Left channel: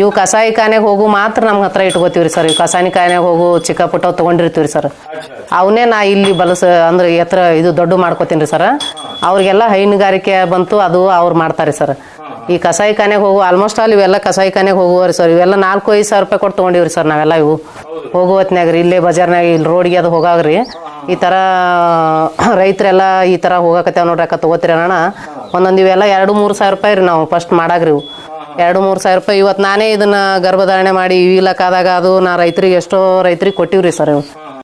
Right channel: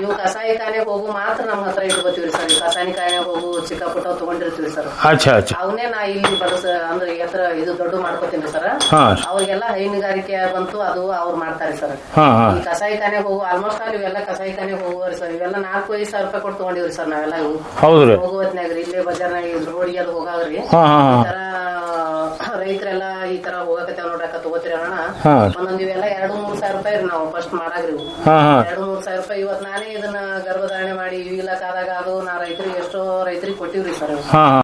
ಇವು ಕಸಾಯಿಖಾನೆಗೆ ಹೋಗು ಮಾತ್ರ ನಮ್ಮ ಹತ್ರ ಇಟ್ಕೋತೀವ್ರಿ ಸರ್. ಇವು ಕಸಾಯಿಖಾನೆಗೆ ಹೋಗು ಚಿಕ್ಕ ಪುಟ್ಟ ತಗೊಂಡಿರ್ತೀವ್ರಿ ಸರ್. ಅಚ್ಚಾ ಅಚ್ಚಾ ಅವನ್ನೇ ನಾ ಇಲ್ಲಿ ಬಲಸ ಅಂದ್ರೆ ಎತ್ತರ ಇದು ದೊಡ್ಡ ಮಾಡ್ಕೋತೀನಿ ಸರ್. ಅವ್ರಿಗೆಲ್ಲ ಹೈನುಗಾರಿಕೆ ಬಂತು ಅದು ಅವ್ರು ಮಾಡ್ತಾರೆ ಸರ್. ಈ ಕಸಾಯಿ ಕಸಾಯಿಖಾನೆಗೆ ಹೋಗು ಆಲ್ಮೋಸ್ಟ್ ಆಲ್ ಇವೆಲ್ಲ ಕಸಾಯಿಖಾನೆಗೆ ಹೋಗುವರಿ ಸರ್. ಇವೆಲ್ಲ ನಾಲ್ಕು ಐದು ಸಾವಿರ ರೂಪಾಯಿ ಕೊಟ್ಟು ತಗೊಂಡಿವ್ರಿ ಸರ್ ನಾವೆಲ್ಲ ಇವು. ಹೋಗೋ ರೀ ಇಲ್ಲೇ ಬಜಾರ್ನಾಗ ಇಲ್ಲಿ ರೋಡ್ಗೆ ಅದು ಹೋಗಾಗ್ರಿ. ಈ ತರ ರೈತರೆಲ್ಲ ಈ ತರ ಹೋಗಾಕತ್ತೇವ ನೋಡ್ರಿ ಅಕ್ಕ ತಗೋತೀರಿ ಅಣ್ಣ. ಒಂದೊಂದು ಇವೆಲ್ಲ ಎರಡು ಮೂರು ಸಾವಿರ ರೂಪಾಯಿ ರೀ ನಾವು ಫಸ್ಟ್ ಮಾಡಾಗ್ರಿ ಇವು. ಎರಡು ಮೂರು ಸಾವಿರ ರೂಪಾಯಿ ಇವತ್ತು ನಾನೇ ಇದನ್ನ ಗರ್ಭಧಾರಣೆ ಮಾಡಿ ಇವಿಲಕ್ಕಾದಾಗ ಅದು ನಾ ರೈತರಿಗೆ ಎಷ್ಟೋ ರೈತರಿಗೆ ಕೊಟ್ಟಿವ್ರಿ ಸರ್ ಇವು. ಹಾ ಹಾ.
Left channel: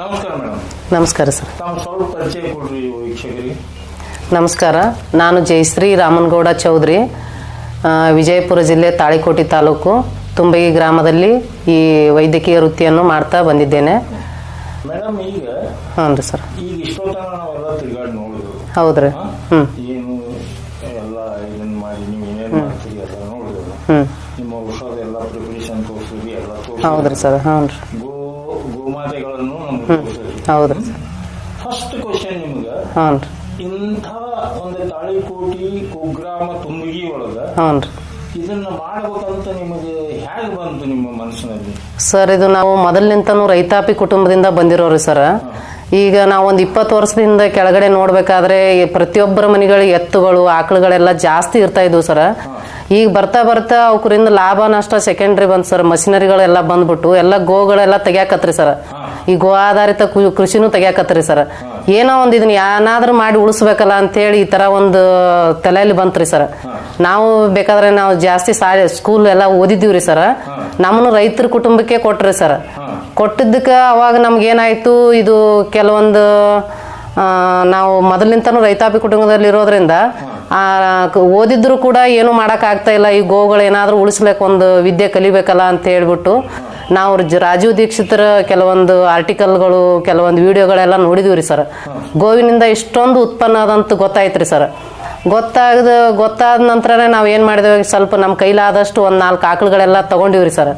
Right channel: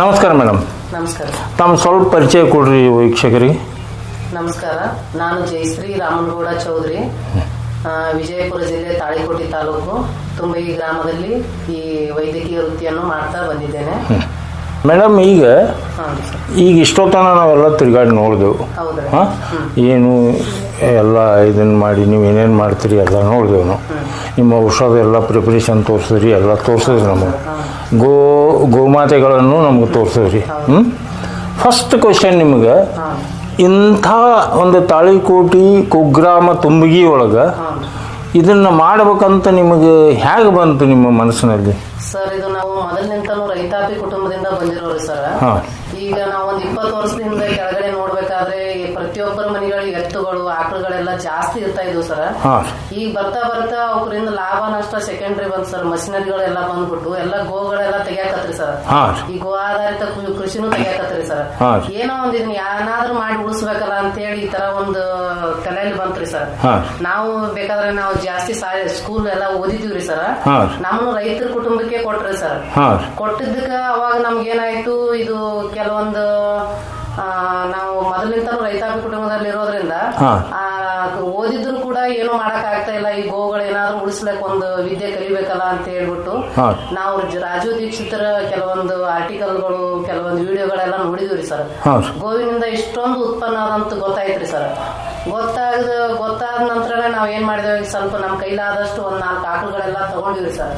ನಮಸ್ಕಾರ ಮೇಡಮ್. ನಮಸ್ಕಾರ ಸರ್. ತಮ್ಮ ಸ್ವಲ್ಪ ಪರಿಚಯ ಕೊಡ್ರಿ ವೀಕ್ಷಕರಿಗೆ. ನಮಸ್ಕಾರ ನಾನು ಜಯಶ್ರೀ ರಾಮನಗೌಡ ಚೌಧರಿ ಆ, ವಿಜಯಪುರ ಜಿಲ್ಲೆ ತಾಳಿಕೋಟಿ ತಾಲೂಕು. ತುಂಬಗಿ ಗ್ರಾಮದಲ್ಲಿ ಈ ವೈದ್ಯಕೀಯ ವೃತ್ತಿಯನ್ನು ಮಾಡ್ತಾ ಬಂದಿದ್ದೇನೆ. ಮೇಡಮ್ ಈಗ ಹ್ಞೂ ಸರ್. ಈಗ ಇಷ್ಟೊತ್ತನ ನಾವೆಲ್ಲ ತಿರುಗಾಡಿ ನೋಡಿದೆವು. ಹೌದ್ರಿ? ಏನು ಎಲ್ಲ ಇದನ್ನ ಮಾಡಿ ನೀವು ಏನೇನು ಮಾಡ್ತೀರಿ ಎಲ್ಲ ನೋಡಿದೆವು ನಾವು. ನಿಮ್ಮ ಔಷಧ ಎಲ್ಲ ಪ್ರಿಪರೇಷನ್ ತೋರಿಸಿದ್ರಿ ಎಲ್ಲ ತೋರಿಸಿದ್ರಿ ನಮ್ಗೆ. ಗೋ ಗೋಮಾತೆಗಳನ್ನು ನಮ್ಗೆ ತೋರಿಸಿದ್ರಿ. ಫಸ್ಟ್ ಕ್ವಶನ್ ನಿಮ್ಗೆ ಇಂಥ ಒಂದು ತಾಳಿಕೋಟಿ ಕುಗ್ರಾಮ ತುಂಬಗಿ ಒಳಗೆ ಇದನ್ನ ಮಾಡಬೇಕಂತ ನಿಮಗೆ ಹೇಗೆ ಬಂತು ನಿಮ್ಮ ಮನಸ್ಸಿನಲ್ಲಿ ಸರ್ ಇದು ನಾವು ಮೊದಲಿನಿಂತನೂ ರೈತಾಪಿ ಕುಟುಂಬದಿಂದ ಬಂದಿರೋರು ಸರ್. ಈಗ ನಾವು ಒಂದು ಇಪ್ಪತ್ತು ವರ್ಷದಿಂದ ಕೆಳಗಡೆ ನೋಡ್ಬೇಕಾದ್ರೆ ಪ್ರತಿಯೊಬ್ಬರ ಮನೆಗಳಿಗೆ ಎತ್ತುಗಳು ಆಕಳುಗಳೆಲ್ಲ ಜಾಸ್ತಿ ಇರ್ತಾ ಇದ್ವು ಸರ್. ಈಗ ಬರ್ತಾ ಬರ್ತಾ ಅವಕ್ರಿಂದ ಲಾಭ ನಷ್ಟ ಸೆಕೆಂಡ್ರಿ ಬಂತ ಸರ್. ಮಷಿನರಿಗಳೆಲ್ಲ ಬಂದ್ಬಿಟ್ಟು ಎಲ್ಲ ಗೋಗಳೆಲ್ಲ ತೆಗ್ಯಾಕತ್ರಿ ಸರ್. ಈ ಗೋ ಆಧಾರಿತ ಕೃಷಿನೂ ತೆಗ್ಯಾಕತ್ರಿ ಸರ್. ಏನೋ ಒಂದ್ ಇದನ್ನ ಏನಾದ್ರೂ ಮಾಡಿ ಉಳಿಸ್ಬೇಕಲ್ಲ ಅಂತೇಳಿ ಈ ತರ ಒಂದು ತಲೆಯಲ್ಲಿ ಬಂತ್ರಿ ಸರ್. ನಾವು ಬೇಕಾದ್ರೆ ನಾವು ಜಾಸ್ತಿ ಶಾಲೆ ಸ್ಕೂಲ್ ಎಲ್ಲ ಓದಿದ್ದೀವ್ರಿ ಸರ್. ನಮ್ಮನ್ನು ರೈತರ ಕುಟುಂಬಕ್ಕೆ ಕೊಟ್ರಿ ಸರ್. ಕೊಟ್ಟಿದ್ದಕ್ಕೆ ಅವಾಗ ನಮ್ಗೆ ಏನಾಯ್ತು? ಇದು ಕೆಲವೊಂದು ನಾವು ಮೊದಲಿಂತನೂ ರೈತಾಪಿ ಕುಟುಂಬದಲ್ಲಿ ಇರೋದ್ರಿಂದ ಓದಿದ್ರು ಕೂಡ ಏನು ಮಾಡಕ್ ಆಗ್ತಾ ಇಲ್ಲ. ಈ ಗೋಗಳು ಏನಾದ್ರೂ ಉಳಿಸ್ಬೇಕು ಒಂದು ವಿದ್ಯೆ ಕಲಿಬೇಕಲ್ಲ ಅಂತ ಹೇಳ್ಬಿಟ್ಟು ನಾವು ರಾಜೀವ್ ದೀಕ್ಷಿತರ ಕೆಲವೊಂದು ಆರ್ಟಿಕಲ್ಗಳು ಕೆಲವೊಂದು ವಿಡಿಯೋಗಳೆಲ್ಲ ನೋಡಿದ್ವಿ ಸರ್. ಗೋವಿನಿಂದ ಇಷ್ಟೊಂದು ಉತ್ಪನ್ನ ಆದಂತ ಗೊತ್ತಾಯ್ತ್ರಿ ಸರ್. ಗೊತ್ತಾಗದ ಗೊತ್ತಾದ ನಂತರನೇ ನಾವು ಏನ್ ಮಾಡಿದೇವೆ ಸ್ವಲ್ಪ ನಮ್ಮ ಕೈಲಾದಷ್ಟು ಒಂದ್ ನಾಲ್ಕು ಆಕಳುಗಳೆಲ್ಲ ತಗೊಂಡಿವ್ರಿ ಸರ್.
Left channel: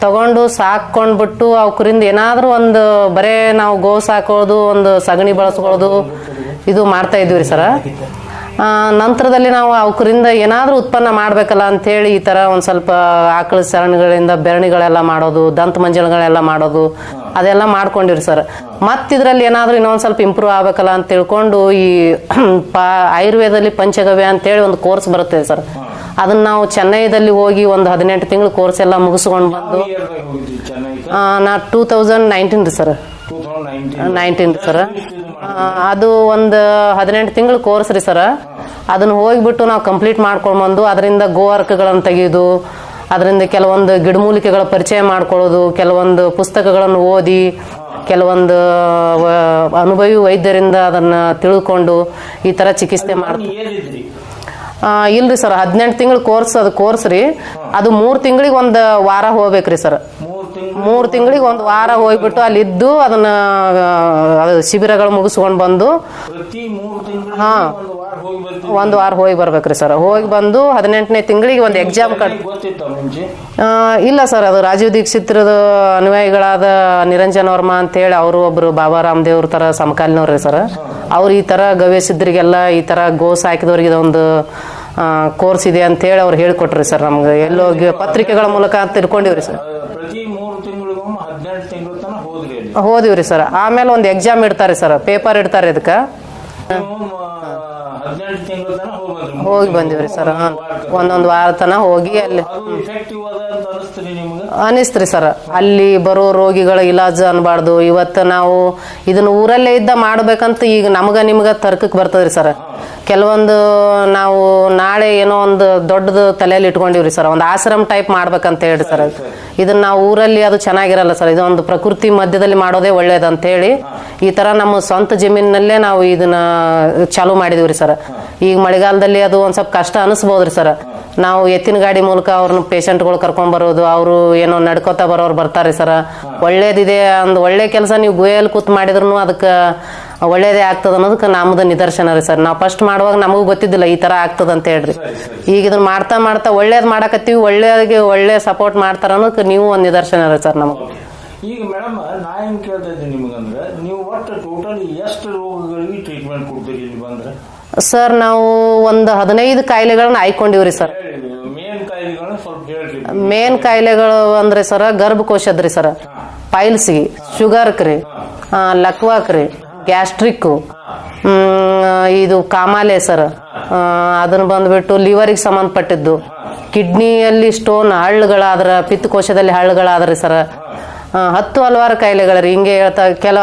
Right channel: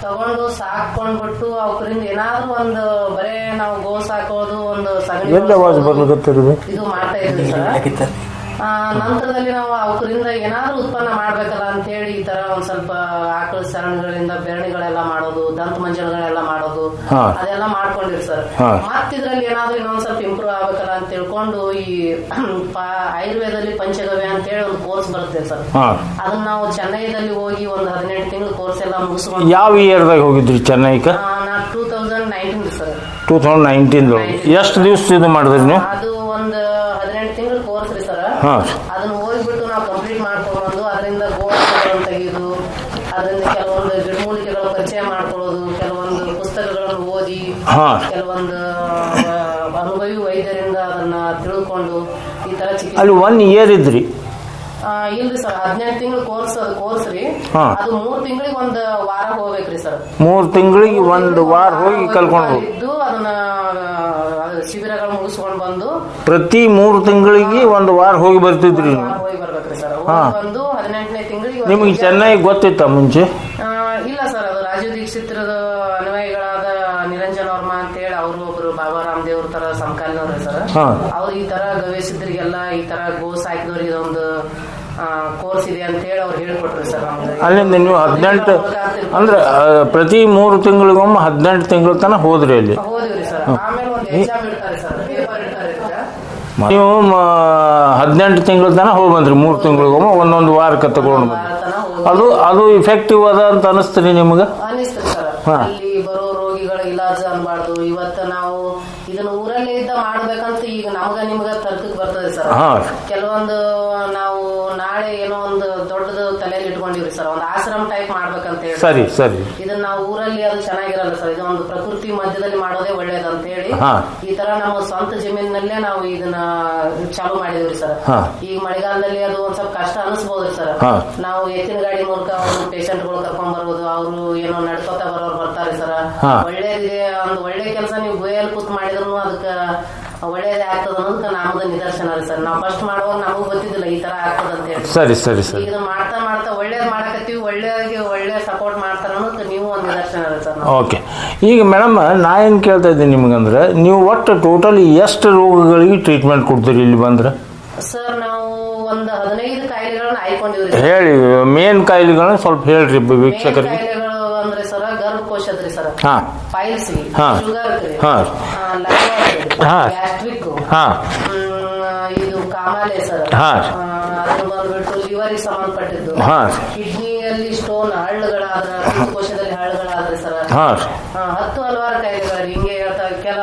ತಗೊಂಡು ಸಾಕೊಂಡ್ಬಿಟ್ಟು ಅವಕರಿಂದ ಏನಾದ್ರೂ ಒಂದು ಬರೇ ನಾವು ಗೋ ಸಾಕೋದು ಒಂದು ಸಗಣಿ ಬಳಸೋದು ಇದು ಮಾಡ್ತಾ ಇದ್ವಿ ಸರ್. ನಂತರದಲ್ಲಿ ನಾವು ಅವಕರಿಂದ ಏನಾದರೂ ಉತ್ಪನ್ನ ಮಾಡಬೇಕಲ್ಲ ಅಂತ ಹೇಳಿ ಈ ತರ ಒಂದು ಸ್ವಲ್ಪ ಆಕಳ ಸರಣಿಗಳಿಂದ ಬೆರಣಿಗಳೆಲ್ಲ ಮಾಡೋದು ದಂತ ಮಂಜಲ್ಗಳೆಲ್ಲ ಮಾಡೋದು ಅದೆಲ್ಲ ಮಾಡ್ಕೊಂಡಿರಿ ಸರ್. ಮತ್ತಿದ್ರಲ್ಲಿ ಏನಾದರೂ ಇನ್ನೊಂದು ಸ್ವಲ್ಪ ಇಂಪ್ರೂವ್ ಆಗಬೇಕಲ್ಲ ಅಂತ ತಿಳ್ಕೊಂಡು ಈ ಆಯುರ್ವೇದದಲ್ಲಿ ಪಂಚಗವ್ಯ ಅಂತೇಳಿ ಒಂದು ಕೋರ್ಸ್ ಬರುತ್ತೆ ಸರ್. ಅದನ್ನ ನಾವು ಚೆನ್ನೈದಲ್ಲಿ ಹೋಗಿ ಒಂದು ಹದಿನೆಂಟು ತಿಂಗಳು ಕೋರ್ಸ್ ಎಲ್ಲ ಮುಗಿಸ್ಕೊಂಡು ಯಾವ ಇಯರ್ದಾಗ ಹೋಗಿದ್ರಿ ಚೆನ್ನೈಗೆ ಆ, ನಾ ಟೂ ತೌಸಂಡ್ ನೈನ್ಟೀನ್ ರೀ ಸರ್. ಟೂ ತೌಸಂಡ್ ನೈನ್ಟೀನ್ 19 ಎಷ್ಟು ದಿವಸ ಇದು ಮಾಡಿದ್ರಿ ಅದು ಒಂದು ಹದಿನೆಂಟು ತಿಂಗಳು ಕೋರ್ಸ್ ರೀ ಸರ್. ಅದನ್ನ ಹೋಗ್ಬಿಟ್ಟು ನಾವು ಕಂಪ್ಲೀಟ್ ಮಾಡ್ಕೊಂಡು ಬಂದು ಅದರಿಂದ ಗೋವರ್ಕಗಳನ್ನು ತೆಗೆದು ಅದರಿಂದ ಕೆಲವೊಂದು ಗಿಡಮೂಲಿಕೆಗಳ ಪರಿಚಯ ಮಾಡ್ಕೊಳ್ಳೋದು ಕೆಲವೊಂದು ಪುಸ್ತಕಗಳನ್ನು ಓದಿ ಕೆಲವೊಂದು ಅನುಭವಿ ವೈದ್ಯರಿಂದ ಅದನ್ನ ತಿಳ್ಕೊಂಡು ಈ ತರ ಚಿಕಿತ್ಸೆ ಒನ್ ಇಯರ್ ಇದ್ರಿ. ಇಲ್ರಿ ಸರ್ ಹದಿನೆಂಟು ತಿಂಗಳ ಕೋರ್ಸ್ ಅದು ಕೋರ್ಸ್ ರೀ. ಅದು ಮೂರ್ ತಿಂಗಳಿಗೆ ಒಂದ್ ವಾರ ಹೋಗ್ಬೇಕ್ರಿ ಸರ್. ಮೂರ್ ತಿಂಗಳಿಗೆ ಮೂರ್ ತಿಂಗಳಿಗೆ ಒಂದ್ ವಾರ ಹೋಗ್ಬಿಟ್ಟು ಅಲ್ಲಿ ಇದ್ದು ಅದನ್ನ ಶಿಬಿರಗಳು ಮುಗಿಸ್ಕೊಂಡ್ ಬಂದು ಪ್ರತಿ ಮೂರ್ ತಿಂಗಳಿಗೆ ಒಂದ್ ವಾರ ಹೋಗಿ ಬರ್ತೀವಿ ಒಂದ್ ವಾರ ಹೋಗಿ ಬರ್ಬೇಕ್ರಿ ಸರ್. ಹೋಗಿ ಬಂದು ಹದಿನೆಂಟನೇ ತಿಂಗಳಿಗೆ ಒಂದ್ ಎಕ್ಸಾಮ್ ಗೊತ್ತಿತ್ತ ಮುಂಚೆ? ಇಲ್ಲ ಸರ್ ಅದು ರಾಜೀವ್ ದೀಕ್ಷಿತ್ರದ ಅನುಯಾಯಿಗಳಾದ ನಿರಂಜನ್ ವರ್ಮಾ ಅಂತ ಹೇಳಿ ಅವರು ಒಬ್ರು ಬಾಬಾ ರಾಮದೇವ್ರ ತರ ಸಮಕಾಲೀನವ್ರಿ ಸರ್. ಅವ್ರು ಈ ತರ ಗವೇಶಿದ್ರಿಗೆಲ್ಲ ಈ ತರ ಗೋಸ್ ಹಾಕಿದವ್ರಿಗೆ ಇದೊಂದು ಕೋರ್ಸ್ ಇದೆ ಅಂತ ಹೇಳಿ ಅವ್ರು ಹೇಳ್ಕೊಟ್ರಿ ಸರ್ ನಮ್ಗೆ. ಪತ್ರಿಕೆಗಳ ಮೂಲಕ ತಿಳ್ಕೊಂಡಿವ್ರಿ ಪ್ರತಿ ಮೂರು ತಿಂಗಳಿಗೊಮ್ಮೆ ಹದಿನೆಂಟು ತಿಂಗಳ ತನಕ ಹೋದ್ರಿ ಅಲ್ಲಿ. ಹೋದಿವ್ರಿ ಸರ್. ಆಮೇಲೆ ಒಂದು ಎಕ್ಸಾಮ್ ಇಡ್ತಾರೆ ಸರ್. ಪೇಪರ್ ಇಡ್ತಾರೆ ಇದಕ್ಕ. ನೀವು ಹದಿನೆಂಟು ತಿಂಗಳ ತನಕ ಹೋಗಿ ಬಂದ್ರಿ ಮೂರು ತಿಂಗಳಿಗೊಮ್ಮೆ ಒಂದೊಂದು ವಾರಕ್ಕೆ ಒಂದೊಂದು ವಾರ ತನ ಹೋಗಿ ಅದು ಅಲ್ಲಿ- ಅದು ಇಫೆಕ್ಟಿವ್ ಅದ ಅಂತ ಅನಿಸ್ತೀರಿ ನಿಮ್ಗೆ? ಅನಿಸ್ತ್ರಿ ಸರ್. ಅಲ್ಲಿ ಬರೋ ರೋಗಿಗಳ ಇಲಾಜ್ ಅನ್ಬಾರ್ದು. ಇವತ್ತ ನಾವು ಇದನ್ನ ಊರಲ್ಲೇ ಇದ್ದ ಮಾಡ್ಬೇಕಂತ ಈಗ ನಮಗ ನಿಮ್ಗ ತರ್ಕಕ್ ಬರ್ತದ್ರಿ ಸರ್. ಹಾ. ಕೆಲವೊಂದು ನಾವು ನಾಳೆ ಏನೋ ಒಂದು ದೊಡ್ಡದು ತಲೆಯಲ್ಲಿ ಇಟ್ಕೊಂಡಿವ್ರಿ ಸರ್. ಒಂದು ಆಶ್ರಮ ಟೈಪ್ ಮಾಡ್ಬೇಕಂತ ಹೇಳಿ ಸರಿ, ಸರ್ ಸರಿ. ಇದನ್ನ ನಾವು ಊರಲ್ಲಿ ಅದು ಚೆನ್ನಾಗಿರಲ್ಲ ಸರ್. ಇದೊಂದು ಪ್ರಕೃತಿ ಮಧ್ಯದಲ್ಲಿ ಮಾಡೋದೇ ಒಳ್ಳೇದಂತ ಹೇಳಿ ಹಾ. ಈ ತರ ನಮ್ಮ ಸ್ವಂತ ಜಮೀನಿನಲ್ಲೇ ನಾವು ಇದನ್ನ ಚಾಲೂ ಮಾಡಿದಿವ್ರಿ ಸರ್. ಈಗ ಮಳೆಗಾಲದಲ್ಲಿ ಅದು ಒಂದ್ ಸ್ವಲ್ಪ ಕಷ್ಟ ಅನಿಸ್ಬೋದ್ರಿ ಸರ್. ನಾವು ಎತ್ತಿನ ಗಾಡಿ ಮೂಲಕ ಅವ್ರನ್ನ ಪೇಷಂಟ್ಗಳು ಕರ್ಕೊಂಡ್ ಬರೋದು ಅವರು ಏನೋ ನಡ್ಕೋತಾ ಬರೋರು ಬರ್ತಾರೆ ಸರ್. ಒಳ್ಳೇದಿದೆ ಒಂದು ಒಳ್ಳೆ ಕೆಲಸ ನೀವು ಗುಹೆಯಲ್ಲಿ ಕೂತ್ ಮಾಡಿದ್ರು ಅದಕ್ಕೆ ಒಳ್ಳೇದೇ ಆಗ್ತದ ಅನ್ನೋದಕ್ಕೆ ನಮ್ದು ನಿದರ್ಶನ ರೀ ಸರ್. ನಾವು ಫಸ್ಟ್ ಮಾಡುವಾಗ ನಮಗೂ ಗೊತ್ತಿದ್ದಿಲ್ಲ ಈ ತರ ಆಗ್ತದ ಅಂತ ಹೇಳಿ ಸರಿ ಸರಿ ಸರಿ. ಈಗ ಇದನ್ನ ಮಾಡ್ತಾ ಮಾಡ್ತಾ ಒಳ್ಳೇದ್ ಮಾಡಕತ್ತೀವಿ ಒಳ್ಳೇದಾಗಿ ಒಳ್ಳೆ ಸಪೋರ್ಟ್ ಮಾಡ್ತಾರ ಅನ್ನೋದಕ್ಕೆ ನೀವು ಒಂದು ನಿದರ್ಶನ ರೀ ಸರ್ ನಮ್ಮ ಓಕೆ. ಈಗ ಮೇಡಮ್ ನಾ ಏನು ಕೇಳ್ತಾ ಇದ್ದೀನಿ ನಿಮ್ಗಂದ್ರೆ ನೀವು ಒಟ್ಟು ಟೋಟಲಿ ಎಷ್ಟು ರೋಗಗಳಿಗೆ ಟ್ರೀಟ್ಮೆಂಟ್ ಕೊಡ್ತೀರಿ ಇಲ್ಲಿ ಬಂದ್ರೆ? ಸರ್ ನಾವು ಒಂದು ಹದಿನೈದು ಕಾಯಿಲೆಗಳನ್ನ ಆಯ್ಕೊಂಡಿವ್ರಿ ಸರ್. ಹೇಳಿ ಮೇನ್ ಕಾಯಿಲೆಗಳನ್ನ ಸ್ವಲ್ಪ ಹೇಳ್ರಿ ಮೇನ್ ಕಾಯಿಲೆಗಳು ಅಂದ್ರೆ ಸರ್ ಗರ್ಭಕೋಶದ್ರಿ ಸರ್. ಪೈಲ್ಸ್ ಶುಗರ್ ಕ್ರಿ ಶುಗರ್ಕ್ ರೀ. ಹಾ. ಲಕ್ವಾಕ್ ರೀ. ಗ್ಯಾಸ್ಟ್ರಿಕ್ ಇದು ಕಾಮಾಲೆ ಸರ್. ಅದನ್ನ ಬಂದ್ಬಿಟ್ಟು ಲಿವರಿಗೆ ಸಂಬಂಧಪಟ್ಟಿದ್ದು. ಕಿಡ್ನಿಯಲ್ಲಿ ಸ್ಟೋನ್ ಹಳ್ಳುಗಳಾದ್ರ ಪಿತ್ತಕೋಶದಲ್ಲಿ ಹಳ್ಳುಗಳಾದ್ರಿ ಸರ್. ಹತ್ತು ಹಲವಾರು ಕಾಯಿಲೆಗಳರಿ ಹಿಂಗೆ ಹೇಳ್ತಾ ಕೆಲ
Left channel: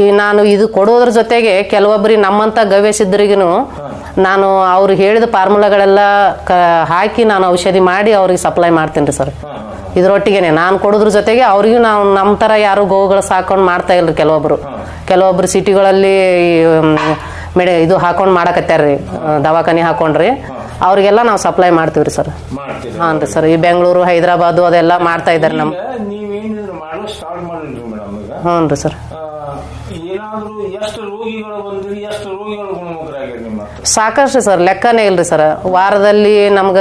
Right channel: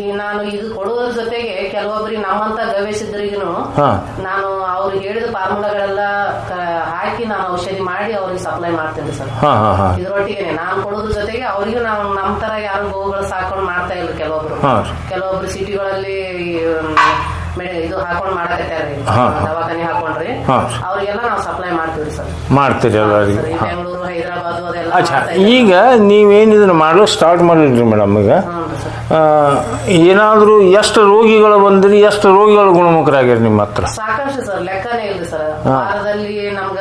ಈ ನಾನು ಇದು ಕೊಡೋದ್ರ ಜೊತೆಗೆ ಕೆಲವೊಬ್ಬರಿ ನಮ್ಮಂತ ಗವೇಶಿದ್ರಿಗೂ. ನಾನು ಅವ್ರು ಹೇಳಿದ ಫಾರ್ಮುಲಾಗಳೆಲ್ಲ ಹಾಕಿ ನಾನು ಔಷಧಿ ಮಾಡಿ ಅವ್ರಿಗೆ ಸಪ್ಲೈ ಮಾಡ್ತೀನಿ ಸರ್. ಇದ್ರೊಟ್ಟಿಗೆನೆ ನಾನು ಕೊಡೋದ್ರ ಜೊತೆಗೆ ಅವ್ರಿಗೂ ನಾವು ನಮ್ಮ ತರ ಯಾರು ಗೋವುಗಳು ಸಾಕೊಂಡು ಮಾಡ್ತಾ ಇಲ್ರಿ ಕೆಲವೊಬ್ರು. ಕೆಲವೊಬ್ರು ಸಿಟಿಗಳಲ್ಲಿ ಮೇಡ ಇದು ಹಾಕೊಂಡ್ ಮಾಡಕತ್ತಾರ್ರಿ ದವಾಖಾನೆ ಹಾಕೊಂಡ್ರಿ. ಅವ್ರಿಗೆಲ್ಲ ನಾವು ಸಪ್ಲೈ ಮಾಡ್ತೀವ್ರಿ ಸರ್. ಮಾಡ್ತೀವಿ ಸರ್ ಈ ಬೆಂಗಳೂರು ಹೈದರಾಬಾದ್ ಅದೆಲ್ಲ ಮಾಡ್ತಾ ಇದ್ದೀವಿ ಈಗ ನೀವೇನ್ ಇದನ್ನ ಮಾಡಲು ಸ್ಟಾರ್ಟ್ ಮಾಡಿದ್ರಿ ಮೇಡಮ್ ಈಗ? ಹ್ಞೂ ಸರ್. ಏನಾದ್ರೂ ಎಷ್ಟು ರೋಗಿಗಳು ಬಂದ್ರಿ ಎಷ್ಟು ರೋಗಿಗಳು ಗುಣಮುಖರಾಗ್ಯಾರ ನಿಮ್ಮ ಹತ್ರ? ಸಾಕಷ್ಟು ಸರ್ ಲೆಕ್ಕನೇ ಇಲ್ರಿ ಸರ್. ವಾರದಲ್ಲಿ ನಮ್ಗ